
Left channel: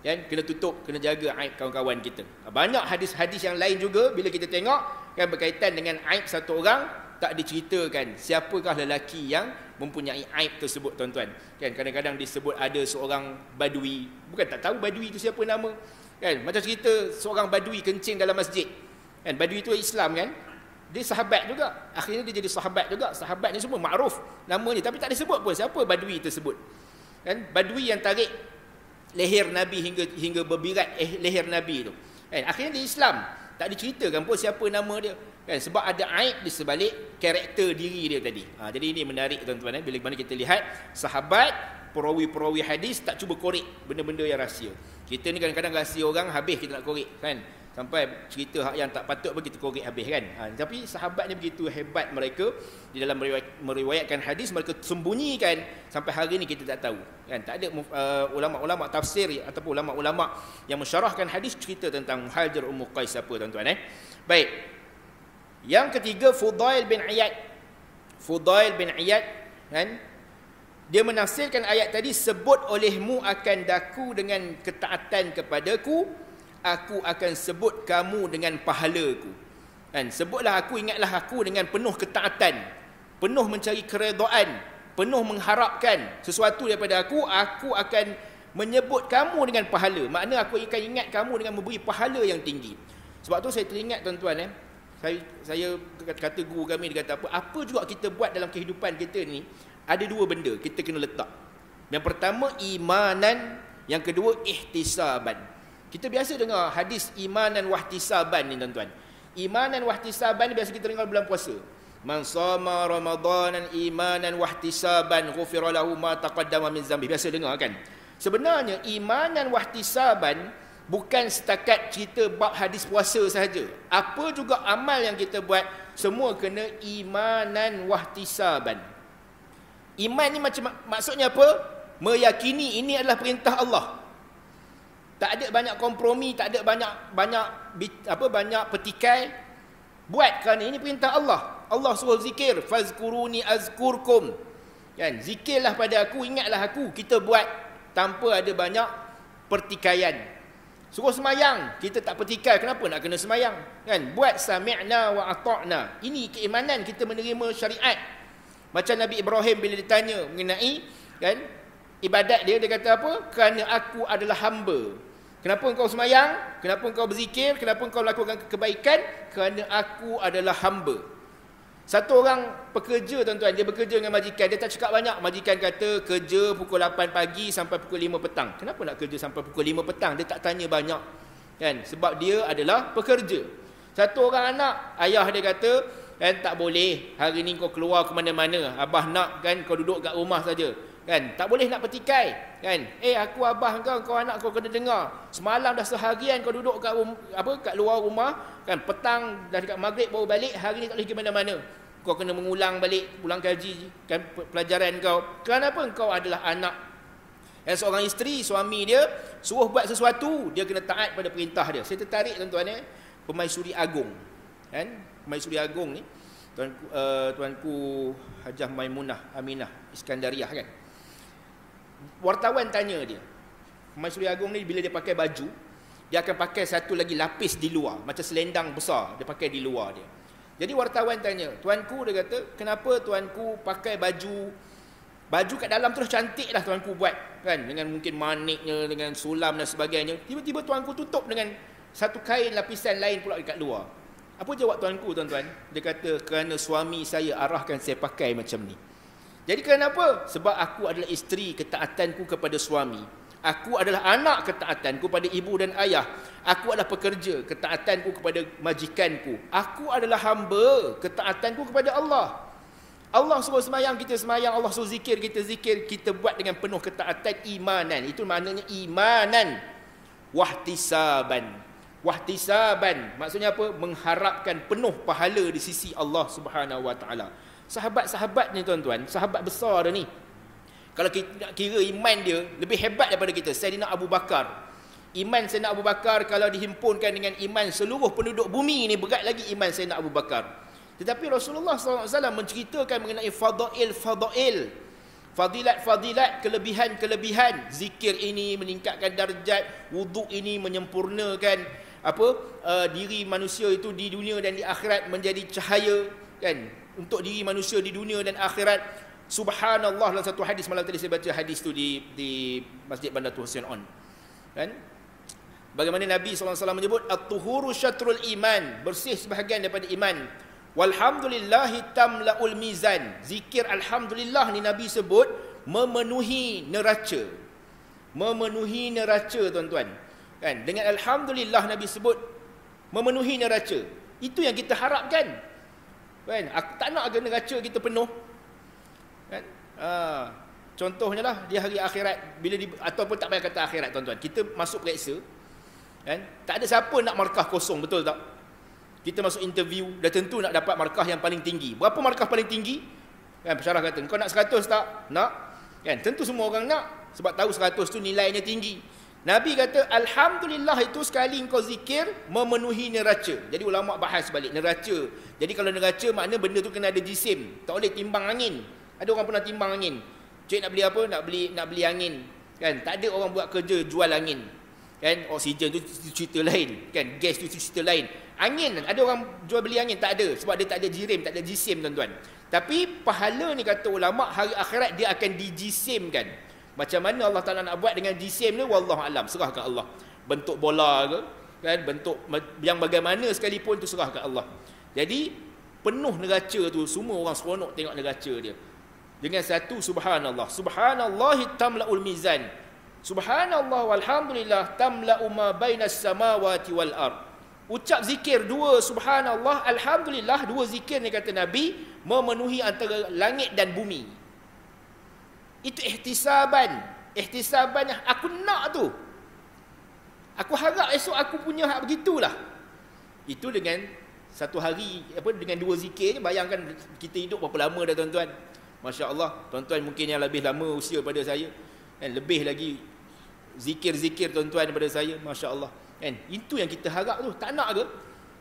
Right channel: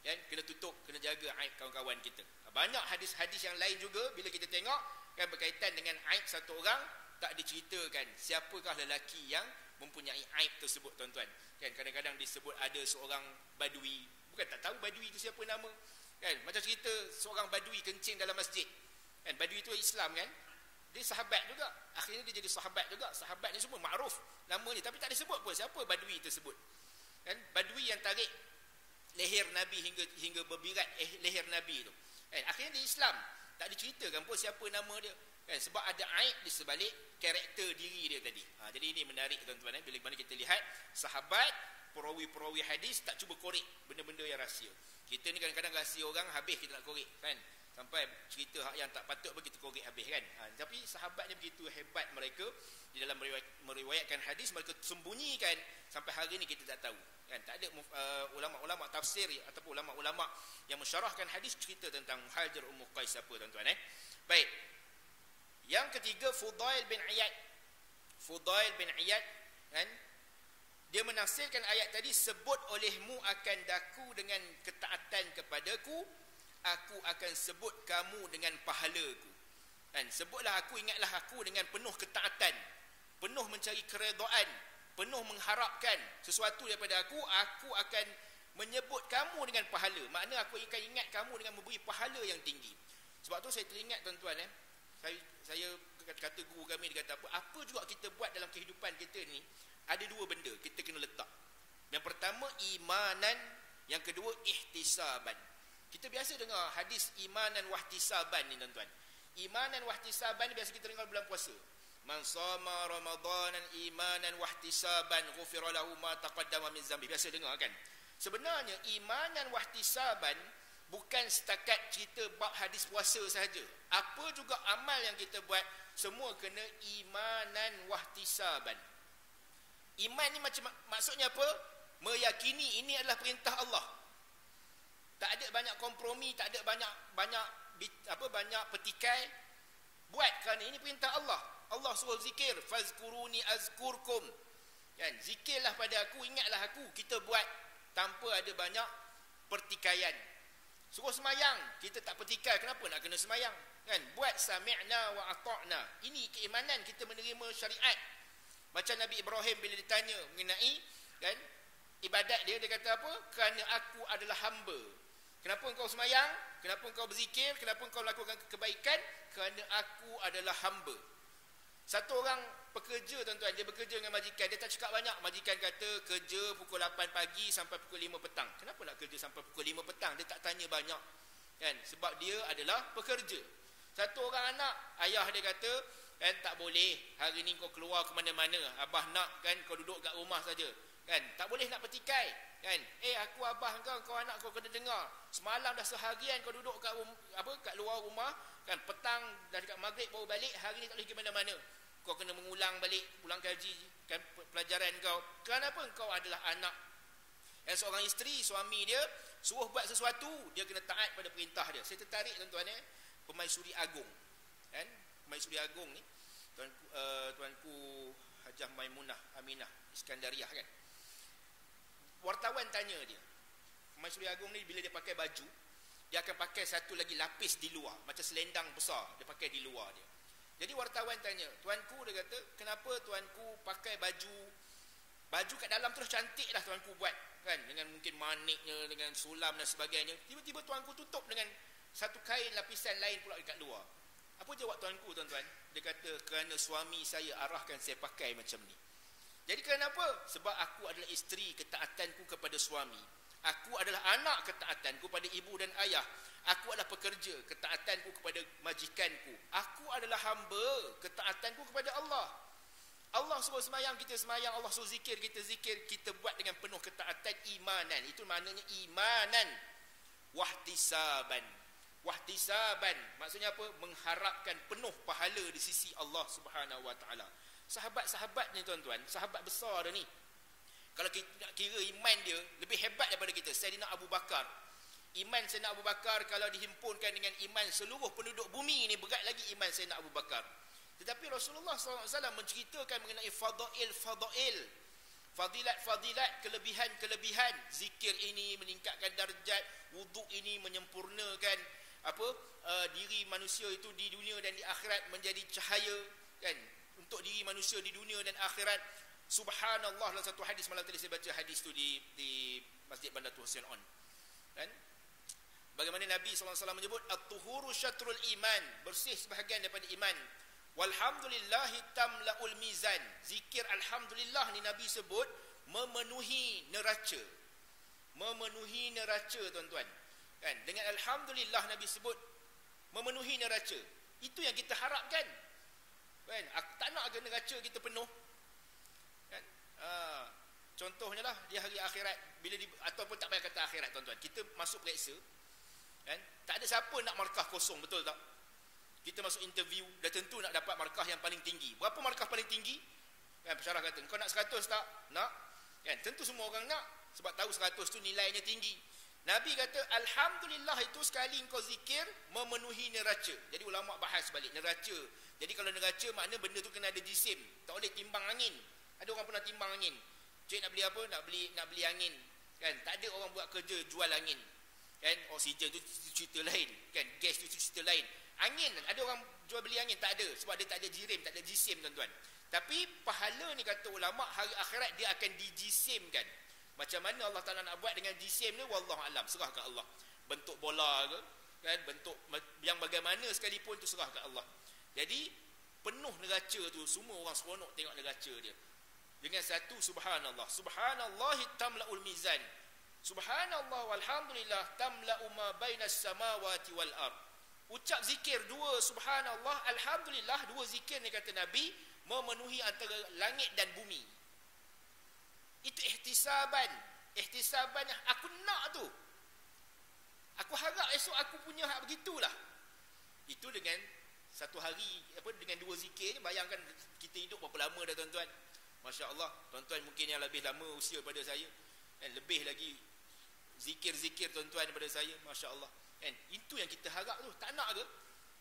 Kan, kena tutup, kena jaga aib kawan-kawan kita. Banyak hadis-hadis yang lain juga bila kita tengok, kan, berkaitan dengan aib satu orang, tak diceritakan siapakah lelaki yang mempunyai aib tersebut, tuan-tuan. Kan, kadang-kadang disebut ada seorang badui, bukan tak tahu badui itu siapa nama. Kan macam cerita seorang badui kencing dalam masjid. Kan badui itu Islam kan. Dia sahabat juga. Akhirnya dia jadi sahabat juga. Sahabat ni semua makruf nama dia, tapi tak disebut pun siapa badui tersebut. Kan badui yang tarik leher Nabi hingga berbirat leher Nabi tu. Kan akhirnya dia Islam. Tak diceritakan pun siapa nama dia. Kan sebab ada aib di sebalik karakter diri dia tadi. Jadi ini menarik tuan-tuan bila mana kita lihat sahabat perawi-perawi hadis tak cuba korek benda-benda yang rahsia. Kita ni kadang-kadang rahsia orang habis kita nak korek kan. Sampai cerita hak yang tak patut pun kita korek habis kan. Tapi sahabat ni begitu hebat mereka di dalam meriwayatkan hadis, mereka sembunyikan sampai hari ni kita tak tahu. Kan tak ada ulama-ulama tafsir ataupun ulama-ulama yang mensyarahkan hadis cerita tentang Muhajir Ummu Qais apa tuan-tuan Baik. Yang ketiga Fudail bin Iyad. Fudail bin Iyad kan dia menafsirkan ayat tadi, sebut olehmu akan daku dengan ketaatan kepadaku, aku akan sebut kamu dengan pahalaku. Kan sebutlah aku, ingatlah aku dengan penuh ketaatan, penuh mencari keredaan, penuh mengharapkan sesuatu daripada aku akan menyebut kamu dengan pahala. Makna aku akan ingat kamu dengan memberi pahala yang tinggi. Sebab tu saya teringat tuan-tuan saya kata guru kami, dia kata apa juga kita buat dalam kehidupan kita ni, ada dua benda kita kena letak. Yang pertama imanan, yang kedua ihtisaban. Kita biasa dengar hadis imanan wahtisaban ni tuan-tuan. Imanan wahtisaban biasa kita dengar bulan puasa. Man shama ramadanan imanan wahtisaban ghufira lahu ma taqaddama min zambi. Biasa dengar kan? Sebenarnya imanan wahtisaban bukan setakat cerita bab hadis puasa sahaja. Apa juga amal yang kita buat semua kena imanan wahtisaban. Iman ni maksudnya apa? Meyakini ini adalah perintah Allah. Tak ada banyak kompromi, tak ada banyak petikai. Buat kerana ini perintah Allah. Allah suruh zikir, fazkuruni azkurkum. Kan? Zikirlah pada aku, ingatlah aku. Kita buat tanpa ada banyak pertikaian. Suruh semayang, kita tak petikai, kenapa nak kena semayang? Kan? Buat sami'na wa ata'na. Ini keimanan kita menerima syariat. Macam Nabi Ibrahim bila ditanya mengenai kan ibadat dia kata apa? Kerana aku adalah hamba. Kenapa engkau semayang? Kenapa engkau berzikir? Kenapa engkau melakukan kebaikan? Kerana aku adalah hamba. Satu orang pekerja tuan-tuan, dia bekerja dengan majikan, dia tak cakap banyak. Majikan kata kerja pukul 8 pagi sampai pukul 5 petang. Kenapa nak kerja sampai pukul 5 petang? Dia tak tanya banyak. Kan? Sebab dia adalah pekerja. Satu orang anak, ayah dia kata, kan tak boleh hari ni kau keluar ke mana-mana, abah nak kan kau duduk kat rumah saja. Kan tak boleh nak petikai kan. Aku abah kau anak kau kena dengar. Semalam dah seharian kau duduk kat kat luar rumah kan, petang dah dekat maghrib baru balik, hari ni tak boleh ke mana-mana. Kau kena mengulang balik, ulang kaji kan pelajaran kau. Kenapa kau adalah anak seorang isteri, suami dia suruh buat sesuatu, dia kena taat pada perintah dia. Saya tertarik tuan-tuan Permaisuri Agong. Kan? Permaisuri Agong ni tuanku Hajah Maimunah Aminah Iskandariah kan. Wartawan tanya dia. Permaisuri Agong ni bila dia pakai baju, dia akan pakai satu lagi lapis di luar, macam selendang besar dia pakai di luar dia. Jadi wartawan tanya, tuanku, dia kata, kenapa tuanku pakai baju kat dalam terus cantik lah tuanku buat kan, dengan mungkin maniknya, dengan sulam dan sebagainya. Tiba-tiba tuanku tutup dengan satu kain lapisan lain pula dekat luar. Apa jawab tuanku tuan-tuan? Dia kata, kerana suami saya arahkan saya pakai macam ni. Jadi kenapa? Sebab aku adalah isteri, ketaatanku kepada suami. Aku adalah anak, ketaatanku pada ibu dan ayah. Aku adalah pekerja, ketaatanku kepada majikanku. Aku adalah hamba, ketaatanku kepada Allah. Allah suruh semayang, kita semayang. Allah suruh zikir, kita zikir. Kita buat dengan penuh ketaatan imanan. Itu maknanya imanan wahtisaban. Wahtisaban maksudnya apa? Mengharapkan penuh pahala di sisi Allah Subhanahu Wa Taala. Sahabat-sahabat ni tuan-tuan, sahabat besar dah ni. Kalau kita nak kira iman dia lebih hebat daripada kita. Sayyidina Abu Bakar. Iman Sayyidina Abu Bakar kalau dihimpunkan dengan iman seluruh penduduk bumi ni, berat lagi iman Sayyidina Abu Bakar. Tetapi Rasulullah SAW menceritakan mengenai fadail, fadilat-fadilat, kelebihan-kelebihan. Zikir ini meningkatkan darjat, wuduk ini menyempurnakan diri manusia itu di dunia dan di akhirat menjadi cahaya kan untuk diri manusia di dunia dan akhirat. Subhanallah, dalam satu hadis malam tadi saya baca hadis tu di Masjid Bandar Tuan Husain On kan. Bagaimana Nabi SAW menyebut at-tuhuru syatrul iman, bersih sebahagian daripada iman. Walhamdulillahi tamla'ul mizan. Zikir alhamdulillah ni Nabi sebut memenuhi neraca. Memenuhi neraca, tuan-tuan. Kan? Dengan alhamdulillah Nabi sebut memenuhi neraca. Itu yang kita harapkan. Kan? Aku tak nak agar neraca kita penuh. Kan? Contohnya lah di hari akhirat, ataupun tak payah kata akhirat, tuan-tuan. Kita masuk periksa, kan? Tak ada siapa nak markah kosong, betul tak? Kita masuk interview, dah tentu nak dapat markah yang paling tinggi. Berapa markah paling tinggi? Kan, pensyarah kata, kau nak 100 tak? Nak? Kan? Tentu semua orang nak, sebab tahu 100 tu nilainya tinggi. Nabi kata, alhamdulillah itu sekali kau zikir, memenuhi neraca. Jadi ulama' bahas balik, neraca. Jadi kalau neraca, makna benda tu kena ada jisim. Tak boleh timbang angin. Ada orang pernah timbang angin. Cik nak beli apa? Nak beli angin. Kan? Tak ada orang buat kerja jual angin. Kan? Oksigen tu cerita lain. Kan? Gas tu cerita lain. Angin, ada orang jual beli angin? Tak ada. Sebab dia tak ada jirim, tak ada jisim, tuan-tuan. Tapi pahala ni kata ulama' hari akhirat dia akan dijisimkan. Macam mana Allah Ta'ala nak buat dengan jisim ni? Wallahualam. Serahkan Allah. Bentuk bola ke? Kan? Bentuk yang bagaimana sekalipun tu serahkan Allah. Jadi penuh neraca tu. Semua orang seronok tengok neraca dia. Dengan satu subhanallah. Subhanallahi tamla'ul mizan. Subhanallah walhamdulillah tamla'u ma bainas samawati wal ard. Ucap zikir dua subhanallah, alhamdulillah, dua zikir ni kata Nabi memenuhi antara langit dan bumi. Itu ihtisaban. Ihtisaban yang aku nak tu. Aku harap esok aku punya hak begitulah. Itu dengan satu hari, dengan dua zikir. Bayangkan kita hidup berapa lama dah, tuan-tuan. Masya Allah, tuan-tuan mungkin yang lebih lama usia daripada saya, kan, lebih lagi zikir-zikir tuan-tuan daripada saya, Masya Allah, kan. Itu yang kita harap tu, tak nak ke?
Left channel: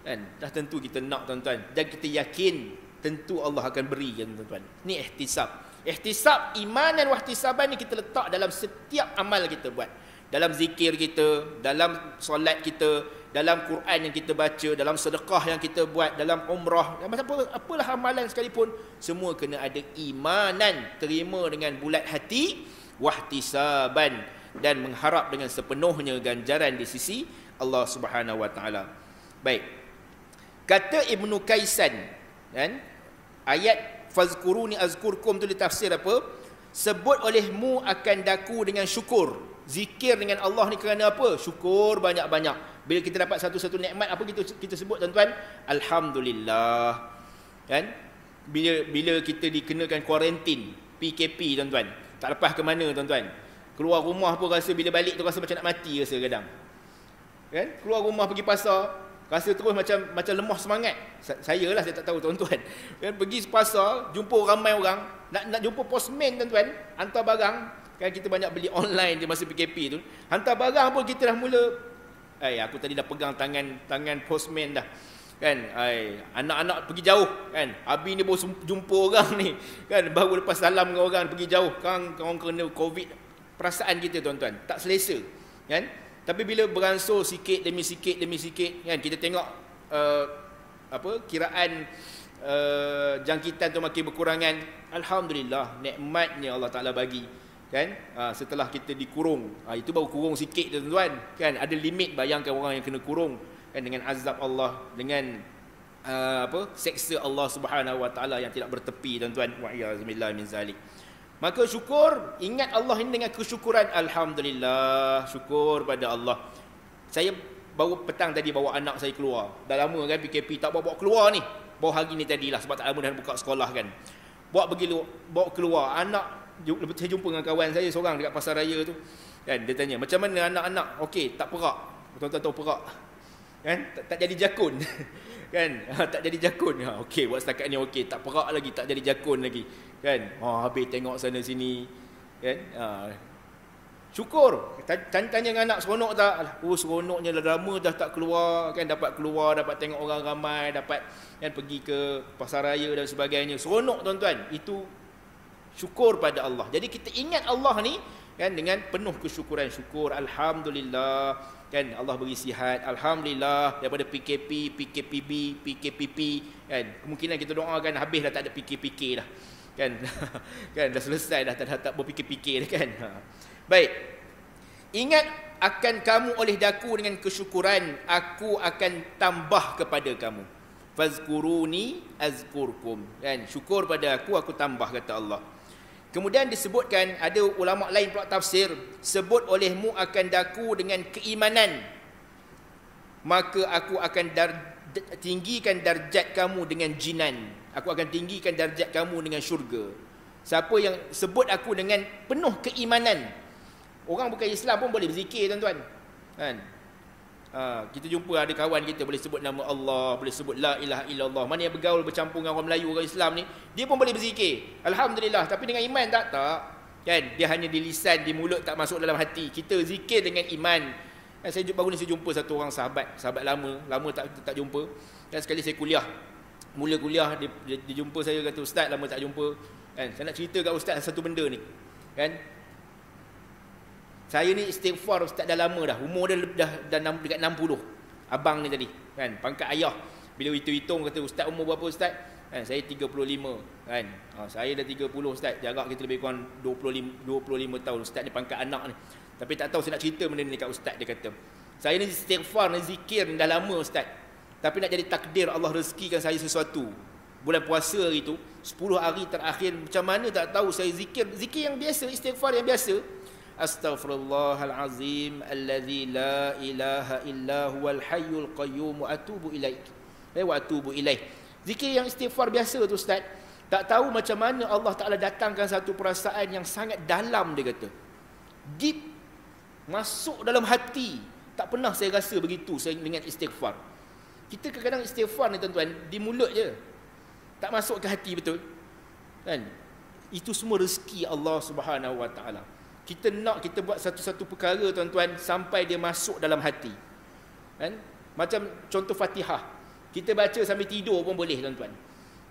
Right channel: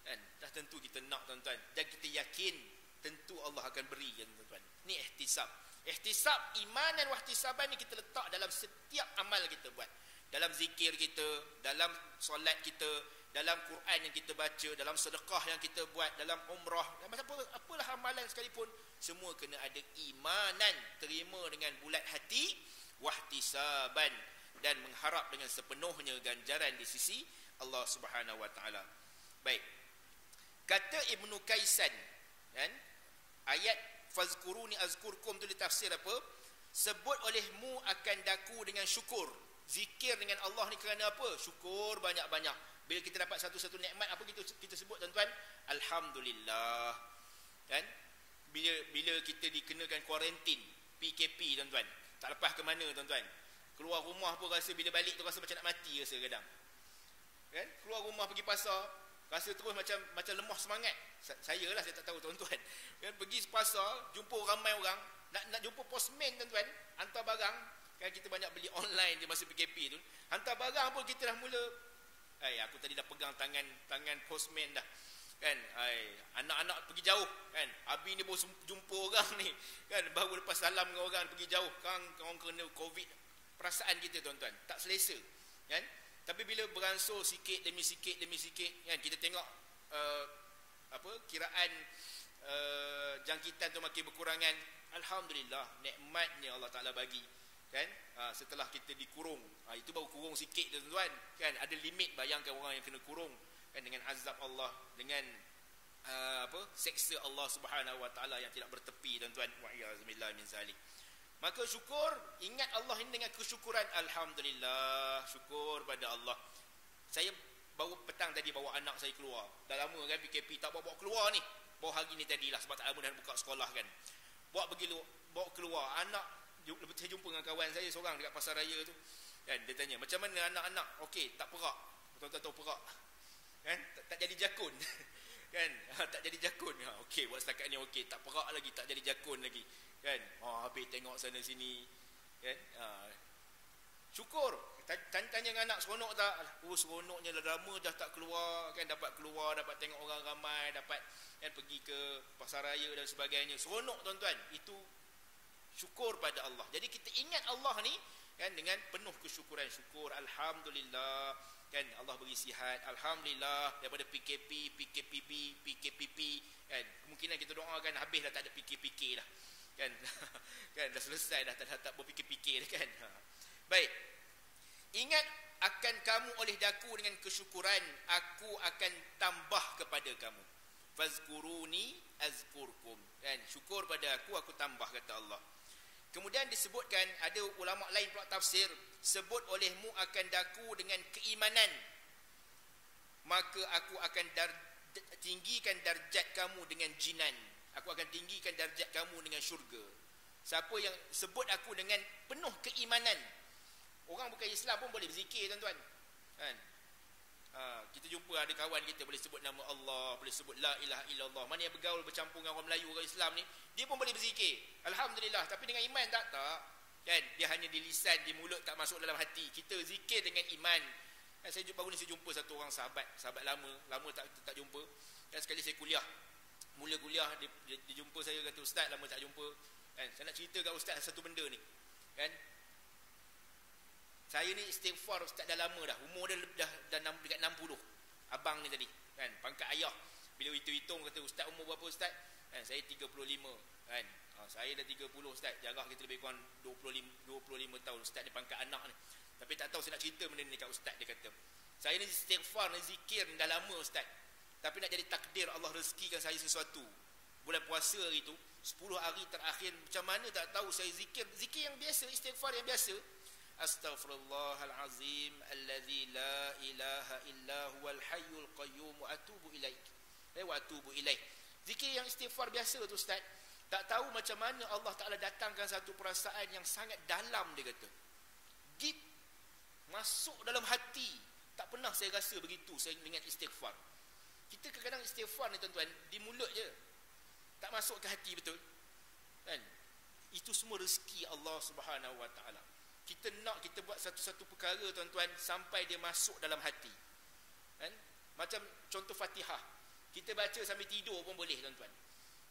Kan? Dah tentu kita nak, tuan-tuan. Dan kita yakin tentu Allah akan beri, kan, tuan-tuan. Ni ihtisab. Ihtisab, iman dan wahtisaban ni kita letak dalam setiap amal kita buat. Dalam zikir kita, dalam solat kita, dalam Quran yang kita baca, dalam sedekah yang kita buat, dalam umrah, apalah amalan sekalipun, semua kena ada imanan, terima dengan bulat hati, wahtisaban, dan mengharap dengan sepenuhnya ganjaran di sisi Allah Subhanahu wa taala. Baik. Kata Ibnu Kaisan, kan? Ayat fazkuruni azkurkum tu ditafsir apa? Sebut olehmu akan daku dengan syukur. Zikir dengan Allah ni kerana apa? Syukur banyak-banyak. Bila kita dapat satu-satu nikmat, apa kita sebut, tuan-tuan? Alhamdulillah. Kan? Bila kita dikenakan kuarantin, PKP, tuan-tuan, tak lepas ke mana, tuan-tuan. Keluar rumah pun rasa, bila balik tu rasa macam nak mati rasa kadang. Kan? Keluar rumah pergi pasar, rasa terus macam lemah semangat. Saya lah, saya tak tahu, tuan-tuan. Kan? Pergi pasar, jumpa ramai orang, nak jumpa postman, tuan-tuan, hantar barang. Kan kita banyak beli online di masa PKP tu. Hantar barang pun kita dah mula, aku tadi dah pegang tangan postman dah. Kan? Anak-anak pergi jauh, kan? Abi ni baru jumpa orang ni, kan? Baru lepas salam dengan orang pergi jauh. Kang kena Covid. Perasaan kita, tuan-tuan, tak selesa, kan? Tapi bila beransur sikit demi sikit, kan, kita tengok kiraan jangkitan tu makin berkurangan. Alhamdulillah, nikmatnya Allah Ta'ala bagi, kan? Setelah kita dikurung, itu baru kurung sikit, tuan-tuan, kan? Ada limit. Bayangkan orang yang kena kurung, kan, dengan azab Allah, dengan seksa Allah Subhanahu wa taala yang tidak bertepi, tuan-tuan. Wa'iyazumillah min zalik. Maka syukur, ingat Allah ini dengan kesyukuran. Alhamdulillah, syukur pada Allah. Saya baru petang tadi bawa anak saya keluar. Dah lama kan PKP tak bawa keluar ni. Bawa hari ni tadilah, sebab tak lama dah buka sekolah, kan. Bawa keluar anak. Saya jumpa dengan kawan saya seorang dekat pasar raya tu, kan. Dia tanya, macam mana anak-anak? Okey, tak perak. Tuan-tuan tahu perak, kan? Tak jadi jakun. Kan? Tak jadi jakun. Okey, buat setakat ni okey, tak perak lagi, tak jadi jakun lagi, kan. Habis tengok sana sini, kan. Syukur. Tanya dengan anak, seronok tak? Seronoknya, lama dah tak keluar, kan. Dapat keluar, dapat tengok orang ramai, dapat, kan, pergi ke pasar raya dan sebagainya. Seronok, tuan-tuan. Itu syukur pada Allah. Jadi kita ingat Allah ni, kan, dengan penuh kesyukuran. Syukur, alhamdulillah, kan, Allah beri sihat, alhamdulillah, daripada PKP, PKPB, PKPP, kan. Kemungkinan kita doakan habis dah, tak ada PKPK dah, kan. Kan, dah selesai dah, tak berfikir-fikir dah, kan. Baik. Ingat akan kamu oleh daku dengan kesyukuran, aku akan tambah kepada kamu. Fazkuruni azkurkum. Kan? Syukur pada aku tambah, kata Allah. Kemudian disebutkan, ada ulama lain pula tafsir, sebut olehmu akan daku dengan keimanan, maka aku akan tinggikan darjat kamu dengan jinan. Aku akan tinggikan darjat kamu dengan syurga. Siapa yang sebut aku dengan penuh keimanan. Orang bukan Islam pun boleh berzikir, tuan-tuan. Kan? Kita jumpa ada kawan kita boleh sebut nama Allah, boleh sebut la ilaha illallah. Mana yang bergaul bercampur dengan orang Melayu, orang Islam ni, dia pun boleh berzikir. Alhamdulillah. Tapi dengan iman tak. Kan? Dia hanya di lisan, di mulut, tak masuk dalam hati. Kita zikir dengan iman. Kan? Baru ni saya jumpa satu orang sahabat lama tak jumpa. Dan sekali saya mula kuliah, dia jumpa saya, kata, Ustaz, lama tak jumpa. Kan? Saya nak cerita kat Ustaz satu benda ni. Kan? Saya ni istighfar Ustaz dah lama dah. Umur dia dah dekat 60. Abang ni tadi. Kan? Pangkat ayah. Bila hitung-hitung, kata, Ustaz umur berapa Ustaz? Kan? Saya 35. Kan? Saya dah 30 Ustaz. Jarak kita lebih kurang 25 tahun. Ustaz ni pangkat anak ni. Tapi tak tahu saya nak cerita benda ni kat Ustaz. Dia kata, saya ni istighfar, ni zikir ni dah lama Ustaz. Tapi nak jadi takdir Allah rezekikan saya sesuatu. Bulan puasa hari tu, 10 hari terakhir, macam mana tak tahu, saya zikir yang biasa, istighfar yang biasa. Astaghfirullahalazim allazi la ilaha illa huwal hayyul qayyum wa atubu ilaik. Wa atubu ilaih. Zikir yang istighfar biasa tu Ustaz. Tak tahu macam mana Allah Taala datangkan satu perasaan yang sangat dalam, dia kata. Deep, masuk dalam hati. Tak pernah saya rasa begitu saya dengan istighfar. Kita kadang-kadang istighfar ni, tuan-tuan, di mulut je. Tak masuk ke hati betul. Kan? Itu semua rezeki Allah Subhanahu Wa Taala. Kita nak kita buat satu-satu perkara, tuan-tuan, sampai dia masuk dalam hati. Kan? Macam contoh Fatihah. Kita baca sambil tidur pun boleh, tuan-tuan.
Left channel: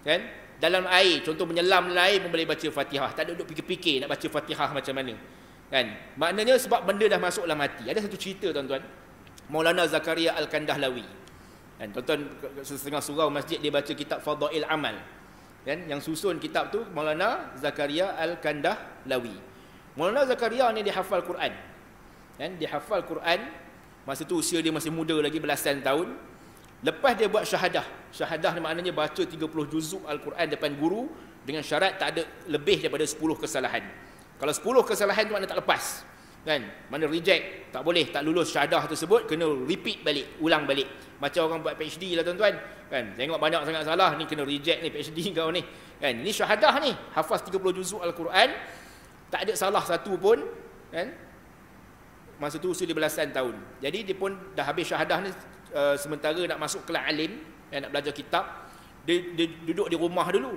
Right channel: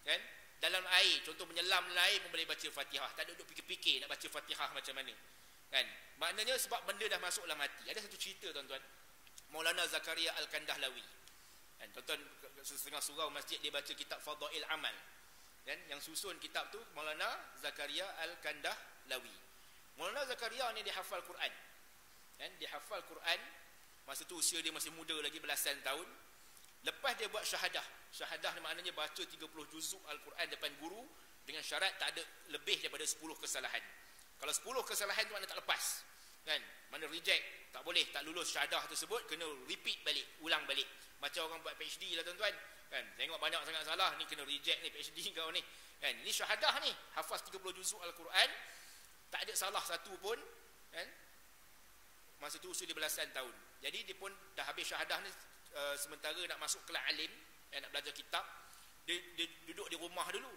Kan? Dalam air, contoh menyelam dalam air pun boleh baca Fatihah. Tak ada duduk fikir-fikir nak baca Fatihah macam mana. Kan? Maknanya sebab benda dah masuk dalam hati. Ada satu cerita, tuan-tuan. Maulana Zakaria Al-Kandahlawi. Kan? Tuan-tuan, setengah surau masjid dia baca kitab Fadail Amal. Kan? Yang susun kitab tu Maulana Zakaria Al-Kandahlawi. Maulana Zakaria ni dia hafal Quran. Kan? Dia hafal Quran. Masa tu usia dia masih muda lagi, belasan tahun. Lepas dia buat syahadah. Syahadah ni maknanya baca 30 juzuk Al-Quran depan guru dengan syarat tak ada lebih daripada 10 kesalahan. Kalau 10 kesalahan tu maknanya tak lepas. Kan? Mana reject, tak boleh, tak lulus syahadah tersebut, kena repeat balik, ulang balik. Macam orang buat PhD lah, tuan-tuan. Kan? Tengok banyak sangat salah, ni kena reject ni PhD kau ni. Kan? Ini syahadah ni, hafaz 30 juzuk Al-Quran. Tak ada salah satu pun, kan? Masa tu usia dia belasan tahun. Jadi dia pun dah habis syahadah ni, sementara nak masuk kelas alim, nak belajar kitab, dia duduk di rumah dulu.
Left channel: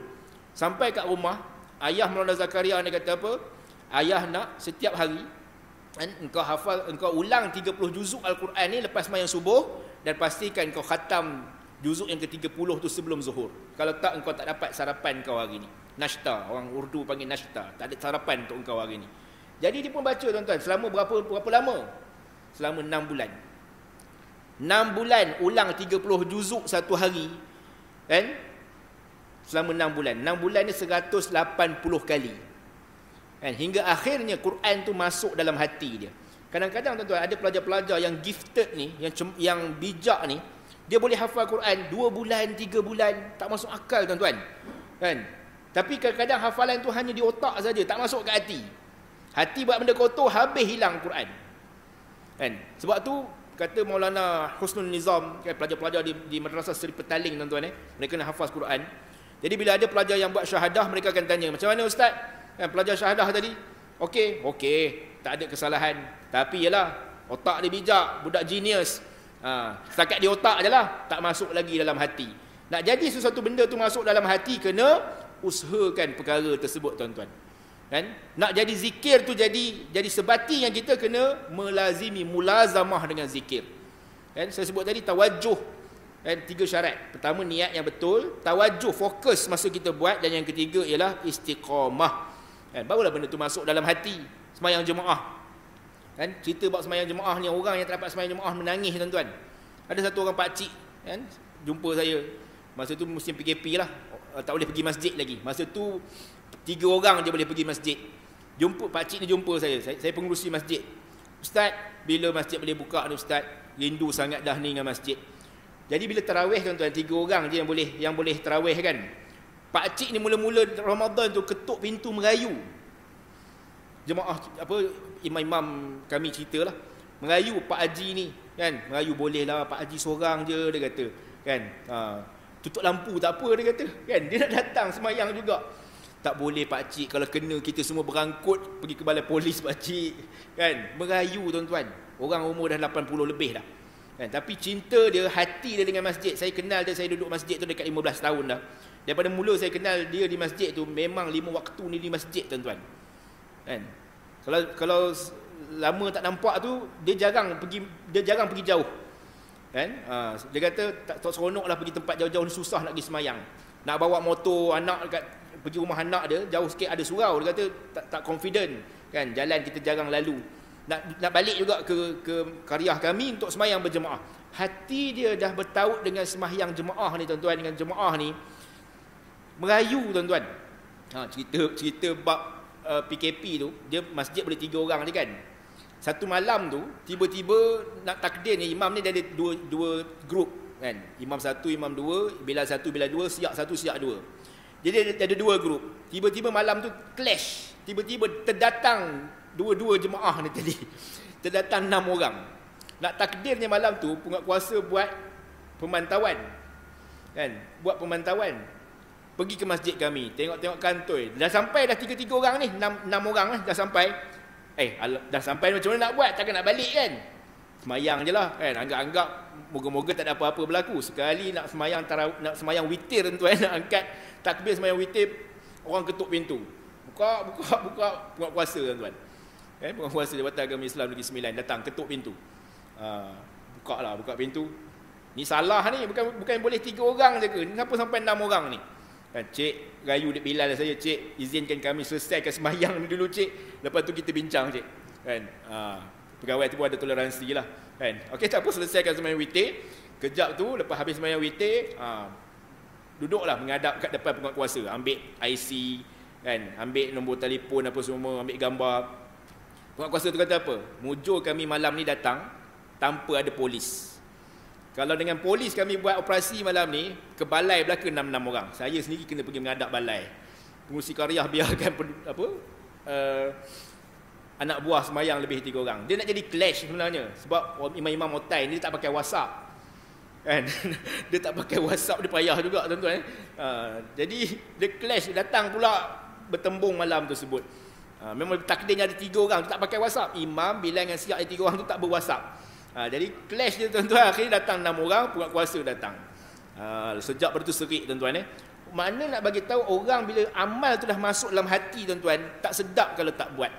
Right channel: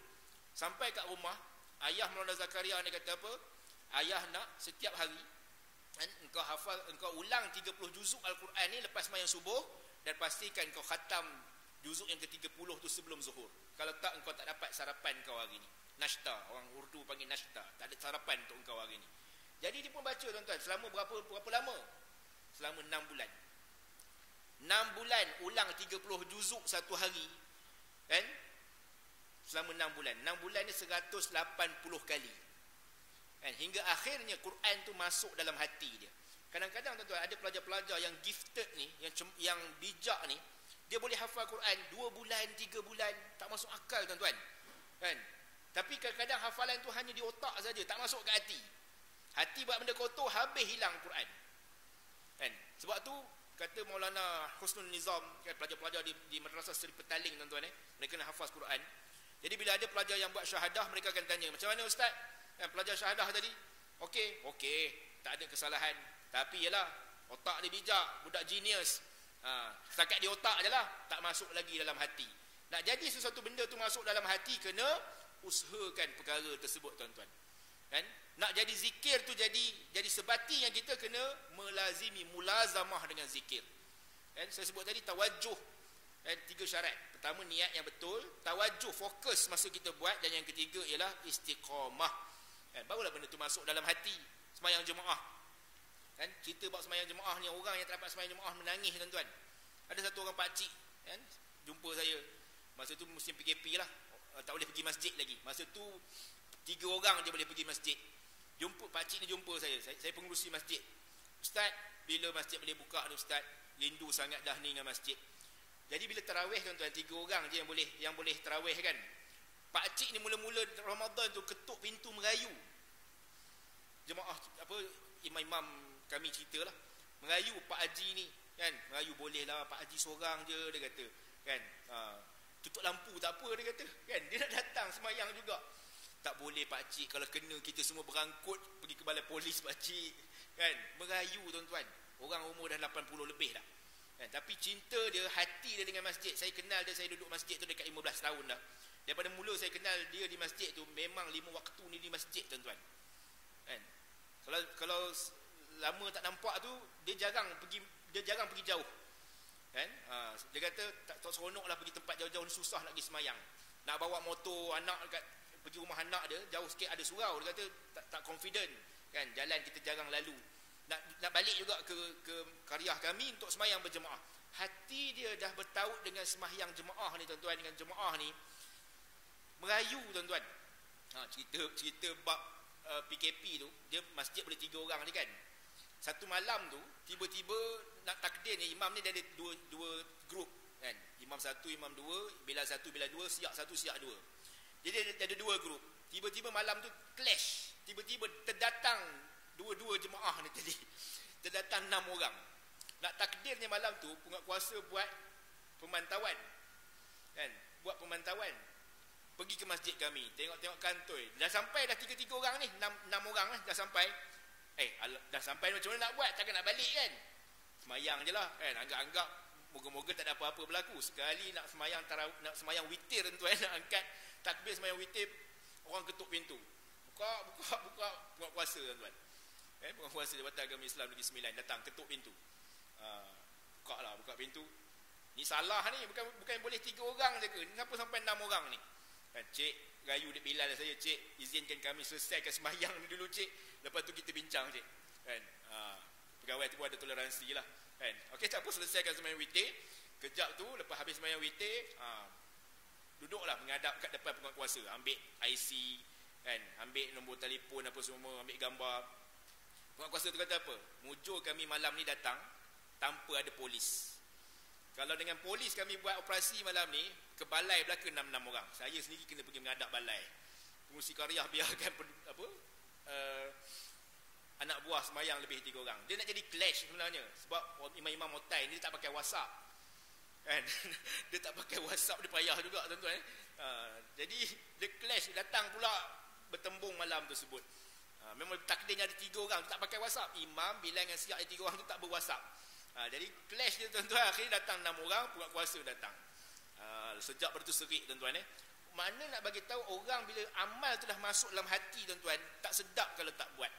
Sampai kat rumah, ayah Maulana Zakaria ni kata apa? Ayah nak setiap hari, kan, engkau ulang 30 juzuk Al-Quran ni lepas sembahyang subuh, dan pastikan kau khatam juzuk yang ke-30 tu sebelum zuhur. Kalau tak, engkau tak dapat sarapan kau hari ni. Nashta, orang Urdu panggil nashta. Tak ada sarapan untuk engkau hari ni. Jadi dia pun baca, tuan-tuan, selama berapa lama? Selama 6 bulan. 6 bulan ulang 30 juzuk satu hari. Kan? Selama 6 bulan. 6 bulan ni 180 kali. Kan? Hingga akhirnya Quran tu masuk dalam hati dia. Kadang-kadang, tuan-tuan, ada pelajar-pelajar yang gifted ni, yang bijak ni, dia boleh hafal Quran 2 bulan, 3 bulan, tak masuk akal, tuan-tuan. Kan? Tapi kadang-kadang hafalan tu hanya di otak saja, tak masuk ke hati. Hati buat benda kotor, habis hilang Quran. Kan? Sebab tu kata Maulana Husnul Nizam, kan, pelajar-pelajar di Madrasah Seri Petaling, tuan-tuan, mereka nak hafaz Quran. Jadi bila ada pelajar yang buat syahadah, mereka akan tanya, macam mana Ustaz? Kan, pelajar syahadah tadi, okey, tak ada kesalahan. Tapi yalah, otak dia bijak, budak genius. Setakat di otak je lah, tak masuk lagi dalam hati. Nak jadi sesuatu benda tu masuk dalam hati, kena usahakan perkara tersebut, tuan-tuan. Kan? Nak jadi zikir tu jadi sebati yang kita kena melazimi, mulazamah dengan zikir. Kan? Saya sebut tadi tawajuh. Kan? 3 syarat. Pertama, niat yang betul, tawajuh, fokus masa kita buat, dan yang ketiga ialah istiqamah. Kan? Barulah benda tu masuk dalam hati. Sembahyang jemaah. Kan? Cerita bab sembahyang jemaah ni, orang yang tak dapat sembahyang jemaah menangis, tuan-tuan. Ada satu orang pakcik, kan, jumpa saya. Masa tu musim PKP lah. Tak boleh pergi masjid lagi. Masa tu 3 orang je boleh pergi masjid. Pakcik ni jumpa saya pengurusi masjid. Ustaz, bila masjid boleh buka ni Ustaz? Rindu sangat dah ni dengan masjid. Jadi bila tarawih tuan-tuan, 3 orang je yang boleh tarawih kan. Pak cik ni mula-mula Ramadan tu ketuk pintu merayu. Jemaah apa, imam-imam kami ceritalah, merayu Pak Haji ni kan, merayu boleh lah Pak Haji seorang je, dia kata kan. Tutup lampu tak apa, dia kata kan, dia nak datang semayang juga. Tak boleh Pak Cik, kalau kena kita semua berangkut pergi ke balai polis Pak Cik kan. Merayu tuan-tuan, orang umur dah 80 lebih dah kan. Tapi cinta dia, hati dia dengan masjid. Saya kenal dia, saya duduk masjid tu dekat 15 tahun dah. Daripada mula saya kenal dia di masjid tu, memang 5 waktu ni di masjid tuan-tuan kan. Kalau lama tak nampak tu, dia jarang pergi jauh kan. Dia kata tak seronok lah pergi tempat jauh-jauh ni, susah nak pergi semayang. Nak bawa motor anak pergi rumah anak dia, jauh sikit ada surau, dia kata tak confident kan, jalan kita jarang lalu. Nak balik juga ke qaryah kami untuk semayang berjemaah. Hati dia dah bertaut dengan semayang jemaah ni tuan-tuan, dengan jemaah ni. Merayu tuan-tuan. Cerita bab PKP tu, dia masjid boleh 3 orang je kan. Satu malam tu tiba-tiba nak takdir ni, imam ni dia ada dua grup kan. Imam 1, imam 2, bila 1, bila 2, siap 1, siap 2. Jadi ada 2 grup. Tiba-tiba malam tu clash. Tiba-tiba terdatang dua jemaah ni tadi. Terdatang 6 orang. Nak takdirnya malam tu penguatkuasa buat pemantauan. Kan? Buat pemantauan. Pergi ke masjid kami, tengok-tengok kantoi. Dah sampai dah 3 orang ni, 6 orang lah dah sampai. Dah sampai macam mana nak buat? Takkan nak balik kan? Semayang je lah kan. Anggap-anggap moga-moga tak ada apa-apa berlaku. Sekali nak semayang witir tuan-tuan, nak angkat takbir semayang witir, orang ketuk pintu. Buka penguatkuasa tuan-tuan. Penguatkuasa Jabatan Agama Islam Negeri Sembilan datang ketuk pintu. Buka pintu. Ni salah ni, bukan boleh 3 orang je ke? Ni kenapa sampai 6 orang ni? Kan, cik, rayu Dek Bilal saya, cik, izinkan kami selesaikan semayang ni dulu cik. Lepas tu kita bincang cik. Kan? Pegawai tu pun ada toleransi lah. Kan? Okey, tak apa, selesaikan semayang witir. Kejap tu, lepas habis semayang witir, duduklah menghadap kat depan penguatkuasa. Ambil IC, kan? Ambil nombor telefon apa semua, ambil gambar. Penguatkuasa tu kata apa? Mujur kami malam ni datang tanpa ada polis. Kalau dengan polis kami buat operasi malam ni, ke balai belaka 6 orang. Saya sendiri kena pergi menghadap balai. Pengurusi qaryah biarkan anak buah semayang lebih 3 orang. Dia nak jadi clash sebenarnya. Sebab imam-imam otai ni dia tak pakai WhatsApp. Kan? Dia tak pakai WhatsApp, dia payah juga tuan-tuan. Jadi dia clash, datang pula bertembung malam tersebut. Memang takdirnya ada 3 orang tu tak pakai WhatsApp. Imam, Bilal dengan Siap, 3 orang tu tak ber-WhatsApp. Jadi clash dia tuan-tuan, akhirnya datang 6 orang, penguatkuasa datang. Sejak pada tu serik tuan-tuan. Makna nak bagi tahu orang bila amal tu dah masuk dalam hati tuan-tuan, tak sedap kalau tak buat.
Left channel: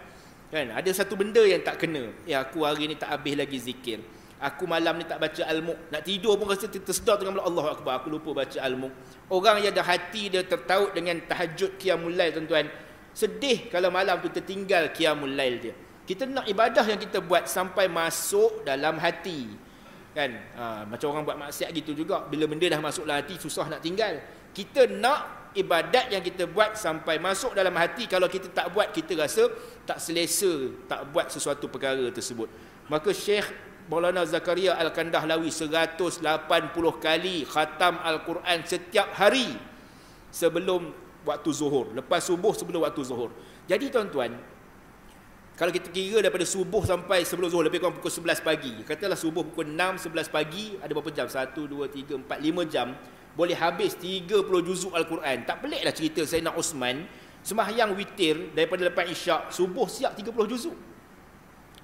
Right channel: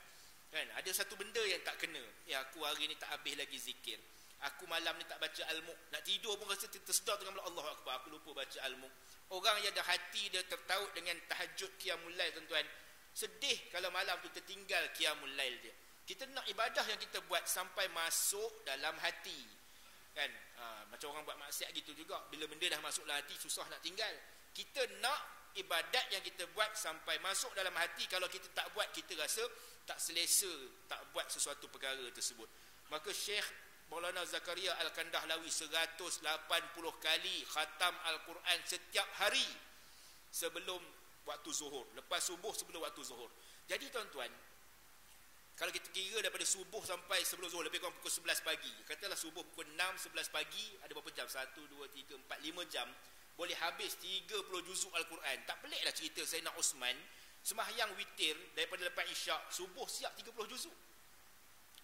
Kan? Ada satu benda yang tak kena. Aku hari ni tak habis lagi zikir. Aku malam ni tak baca al-Mulk. Nak tidur pun rasa tersedar dengan Allahu Akbar, aku lupa baca al-Mulk. Orang yang ada hati dia tertaut dengan tahajud qiyamul lail tuan-tuan, sedih kalau malam tu tertinggal qiyamul lail dia. Kita nak ibadah yang kita buat sampai masuk dalam hati. Kan? Macam orang buat maksiat gitu juga. Bila benda dah masuk dalam hati, susah nak tinggal. Kita nak ibadat yang kita buat sampai masuk dalam hati. Kalau kita tak buat, kita rasa tak selesa, tak buat sesuatu perkara tersebut. Maka Syekh Maulana Zakaria Al-Kandahlawi 180 kali khatam Al-Quran setiap hari sebelum waktu zuhur. Lepas subuh, sebelum waktu zuhur. Jadi tuan-tuan, kalau kita kira daripada subuh sampai sebelum zuhur, lebih kurang pukul 11 pagi. Katalah subuh pukul 6, 11 pagi, ada berapa jam? 1, 2, 3, 4, 5 jam. Boleh habis 30 juzuk Al-Quran. Tak peliklah cerita Sayyidina Osman sembahyang witir daripada lepas isyak, subuh siap 30 juzuk.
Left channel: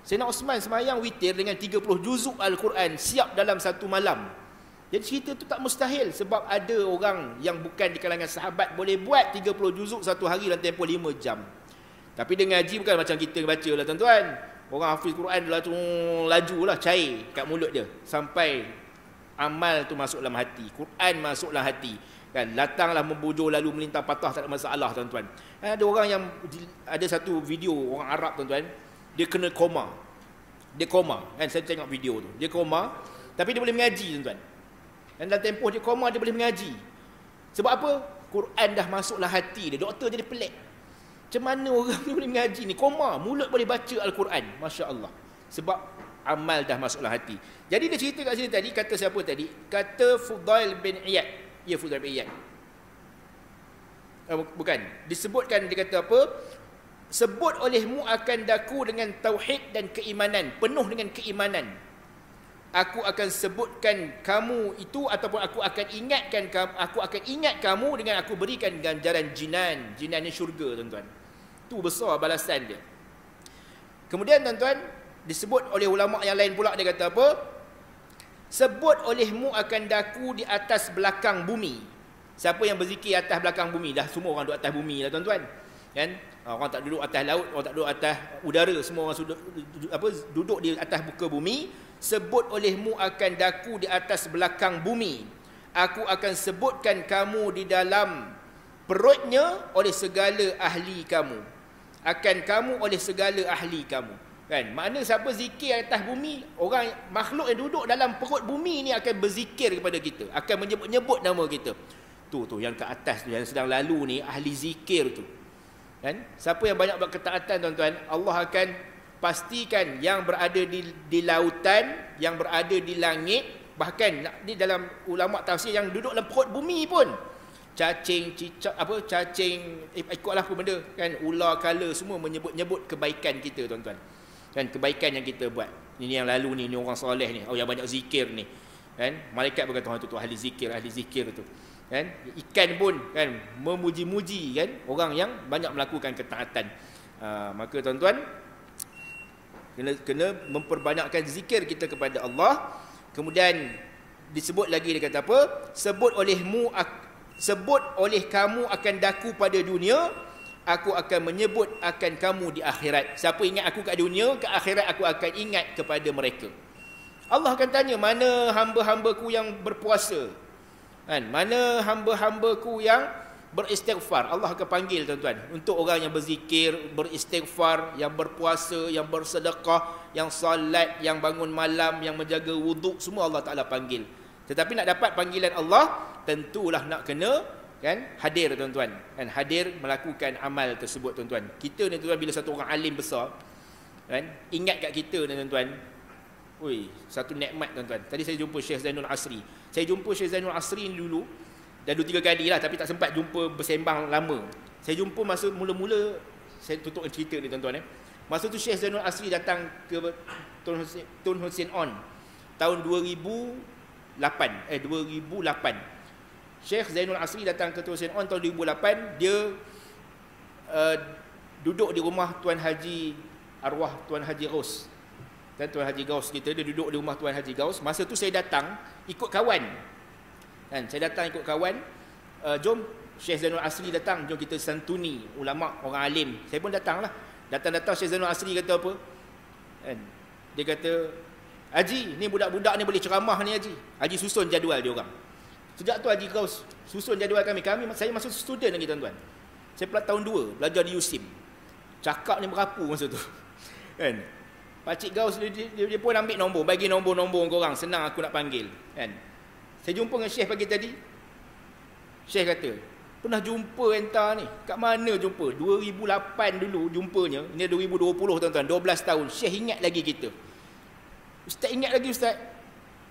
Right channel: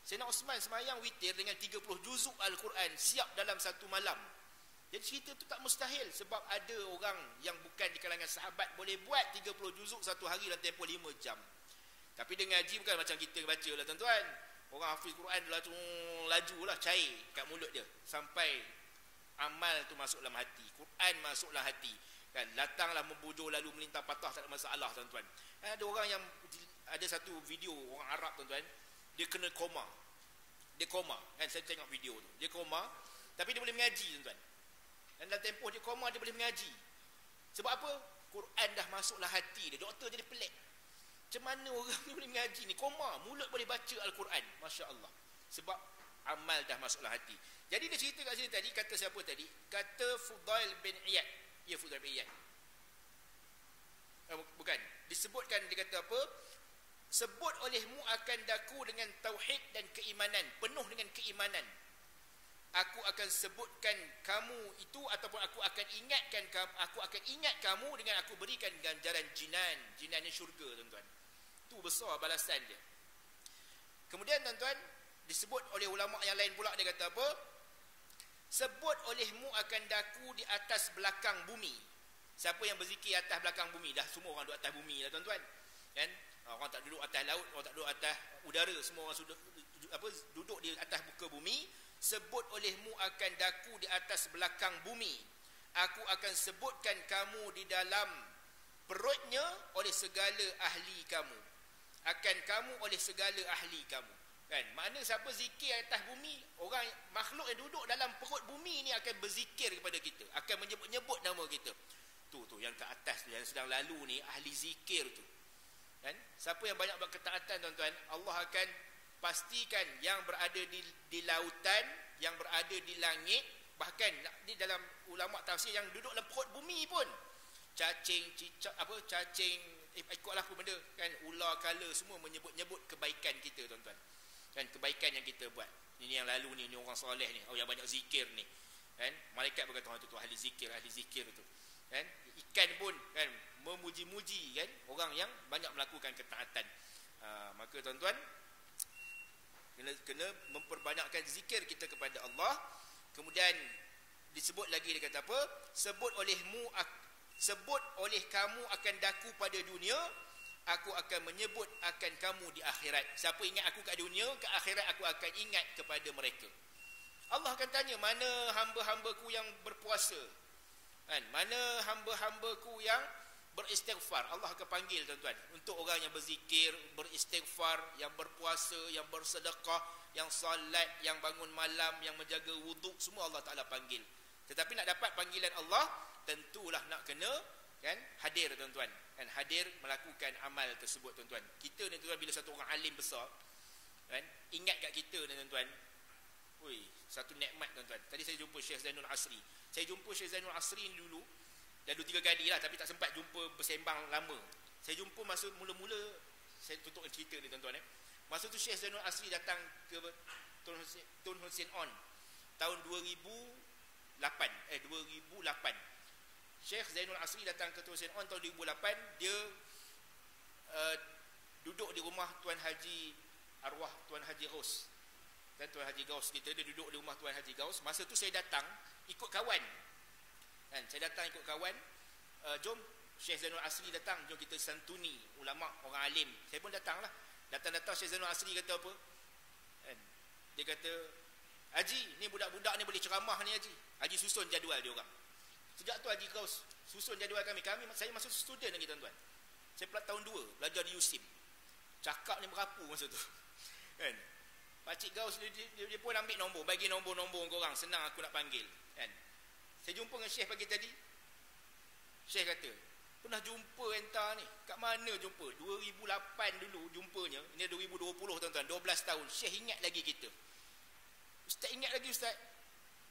Sayyidina Osman sembahyang witir dengan 30 juzuk Al-Quran siap dalam satu malam. Jadi cerita tu tak mustahil, sebab ada orang yang bukan di kalangan sahabat boleh buat 30 juzuk satu hari dalam tempoh 5 jam. Tapi dia ngaji bukan macam kita baca lah tuan-tuan. Orang hafiz Quran laju lah, cair kat mulut dia sampai amal tu masuk dalam hati, Quran masuk dalam hati. Kan, datanglah membujur lalu melintang patah, tak ada masalah tuan-tuan. Ada orang yang, ada satu video orang Arab tuan-tuan, dia kena koma. Dia koma, kan, saya tengok video tu. Dia koma, tapi dia boleh mengaji tuan-tuan. Dan dalam tempoh dia koma, dia boleh mengaji. Sebab apa? Quran dah masuk dalam hati dia. Doktor jadi pelik. Macam mana orang ni boleh mengaji ni? Koma, mulut boleh baca Al-Quran. Masya Allah. Sebab amal dah masuk dalam hati. Jadi dia cerita kat sini tadi, kata siapa tadi? Kata Fudail bin Iyad. Ya, Fudail bin Iyad. Bukan. Disebutkan, dia kata apa? Sebut olehmu akan daku dengan tauhid dan keimanan, penuh dengan keimanan. Aku akan sebutkan kamu itu, ataupun aku akan ingat kamu dengan aku berikan ganjaran jinan. Jinan ni syurga, tuan-tuan. Tu besar balasan dia. Kemudian tuan-tuan, disebut oleh ulama yang lain pula, dia kata apa? Sebut olehmu akan daku di atas belakang bumi. Siapa yang berzikir atas belakang bumi? Dah semua orang duduk atas bumi lah, tuan-tuan. Kan? Orang tak duduk atas laut, orang tak duduk atas udara, semua orang duduk di atas muka bumi. Sebut olehmu akan daku di atas belakang bumi. Aku akan sebutkan kamu di dalam perutnya oleh segala ahli kamu. Akan kamu oleh segala ahli kamu. Kan? Makna siapa zikir atas bumi, orang makhluk yang duduk dalam perut bumi ni akan berzikir kepada kita, akan menyebut-nyebut nama kita. Tu yang ke atas tu, yang sedang lalu ni, ahli zikir tu. Kan? Siapa yang banyak buat ketaatan, tuan-tuan, Allah akan pastikan yang berada di lautan, yang berada di langit, bahkan di dalam ulama tafsir yang duduk dalam perut bumi pun, cacing, cicak, ikutlah apa benda, kan, ular, kala, semua menyebut-nyebut kebaikan kita, tuan-tuan. Kan, kebaikan yang kita buat. Ini yang lalu ni orang soleh ni, yang banyak zikir ni. Kan? Malaikat berkata, tu ahli zikir tu. Kan? Ikan pun kan memuji-muji kan orang yang banyak melakukan ketaatan. Maka tuan-tuan, kena memperbanyakkan zikir kita kepada Allah. Kemudian disebut lagi, dia kata apa? Sebut oleh kamu akan daku pada dunia, aku akan menyebut akan kamu di akhirat. Siapa ingat aku kat dunia, ke akhirat aku akan ingat kepada mereka. Allah akan tanya, mana hamba-hambaku yang berpuasa? Kan? Mana hamba-hambaku yang beristighfar? Allah akan panggil, tuan-tuan, untuk orang yang berzikir, beristighfar, yang berpuasa, yang bersedekah, yang salat, yang bangun malam, yang menjaga wuduk, semua Allah Ta'ala panggil. Tetapi nak dapat panggilan Allah, tentulah nak kena kan hadir, tuan-tuan. Kan, hadir melakukan amal tersebut, tuan-tuan. Kita ni, tuan-tuan, bila satu orang alim besar kan ingat kat kita ni, tuan-tuan, satu nikmat, tuan-tuan. Tadi saya jumpa Syekh Zainul Asri. Saya jumpa Syekh Zainul Asri ni dulu, dah 2-3 kali lah, tapi tak sempat jumpa bersembang lama. Saya jumpa masa mula-mula, saya tutup cerita ni, tuan-tuan. Masa tu Syekh Zainul Asri datang ke Tun Hussein On tahun 2008. Syekh Zainul Asri datang ke Tun Hussein On tahun 2008. Dia duduk di rumah Tuan Haji arwah Tuan Haji Gaus. Dan Tuan Haji Gaus kita, dia duduk di rumah Tuan Haji Gaus. Masa tu saya datang ikut kawan. Kan, saya datang ikut kawan. Jom Syekh Zainul Asri datang, jom kita santuni ulama, orang alim. Saya pun datang lah. Datang-datang Syekh Zainul Asri kata apa? Kan, dia kata, Haji, ni budak-budak ni boleh ceramah ni, Haji. Haji susun jadual dia orang. Sejak tu Haji Gaus susun jadual kami. Saya masuk student lagi, tuan-tuan. Saya pula tahun 2 belajar di USIM. Cakap ni berapu masa tu. Kan? Pakcik Gaus dia pun ambil nombor, bagi nombor-nombor korang, senang aku nak panggil. Kan? Saya jumpa dengan Syekh pagi tadi. Syekh kata, pernah jumpa entah ni? Kat mana jumpa? 2008 dulu jumpanya. Ini 2020, tuan-tuan, 12 tahun. Syekh ingat lagi kita. Ustaz ingat lagi, Ustaz.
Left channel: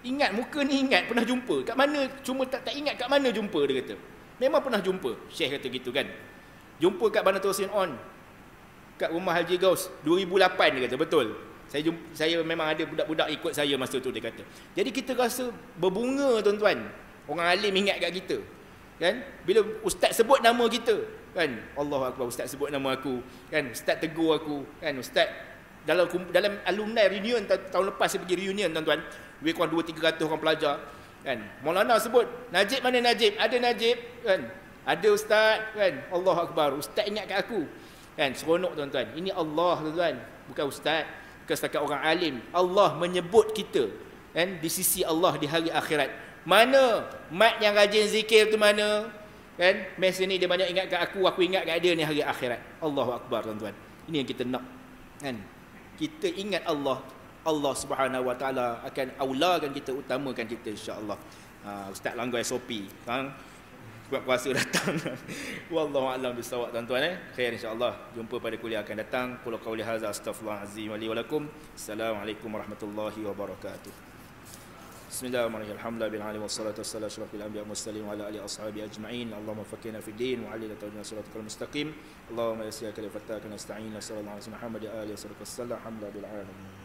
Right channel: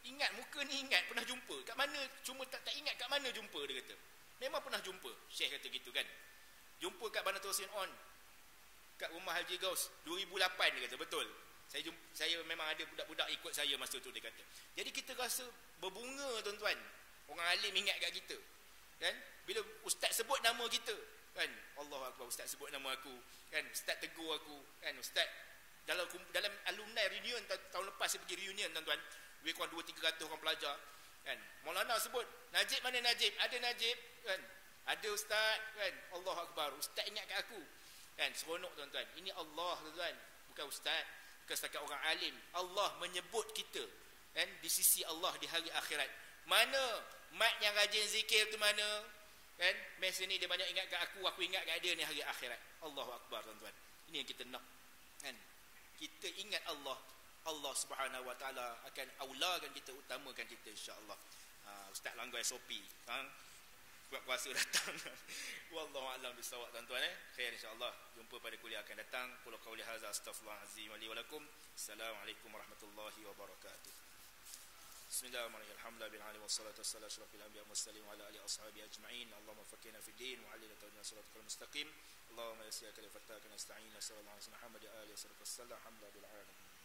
Ingat, muka ni ingat, pernah jumpa. Kat mana? Cuma tak ingat kat mana jumpa, dia kata. Memang pernah jumpa. Syekh kata gitu kan. Jumpa kat Bandar Tosin On, kat rumah Haji Gaus 2008, dia kata. Betul. Saya memang ada budak-budak ikut saya masa tu, dia kata. Jadi kita rasa berbunga, tuan-tuan. Orang alim ingat kat kita. Kan? Bila ustaz sebut nama kita, kan? Allahu Akbar, ustaz sebut nama aku, kan? Ustaz tegur aku, kan? Ustaz dalam alumni reunion tahun lepas saya pergi reunion, tuan-tuan. Lebih kurang 200-300 orang pelajar, kan? Maulana sebut, Najib mana Najib? Ada Najib, kan? Ada ustaz, kan? Allahu Akbar, ustaz ingat kat aku. Kan? Seronok, tuan-tuan. Ini Allah, tuan-tuan. Bukan ustaz, bukan setakat orang alim. Allah menyebut kita, kan? Di sisi Allah di hari akhirat. Mana mat yang rajin zikir tu mana? Kan? Masa ni dia banyak ingat kat aku ingat kat dia ni hari akhirat. Allahu Akbar, tuan-tuan. Ini yang kita nak. Kan? Kita ingat Allah, Allah Subhanahu Wa Taala akan aulakan kita, utamakan kita, insya-Allah. Ustaz langgar SOP. Kan? buat puasa datang. Wallahu a'lam bissawab tuan-tuan Khair insya-Allah. Jumpa pada kuliah akan datang. Qul qauli hadza astaghfirullahalazim wa li wa lakum. Assalamualaikum warahmatullahi wabarakatuh. Bismillahirrahmanirrahim. Alhamdulillahil alamin wassalatu wassalamu ala asyrafil anbiya'i wal mursalin wa ala alihi washabihi ajma'in. Allahumma faqqihna fid din wa 'allimna tawfiqna siratal mustaqim. Allahumma yassir kal fataka nasta'in sallallahu alaihi wa sallam Muhammad ya alihi wasallam. Alhamdulillahil alamin.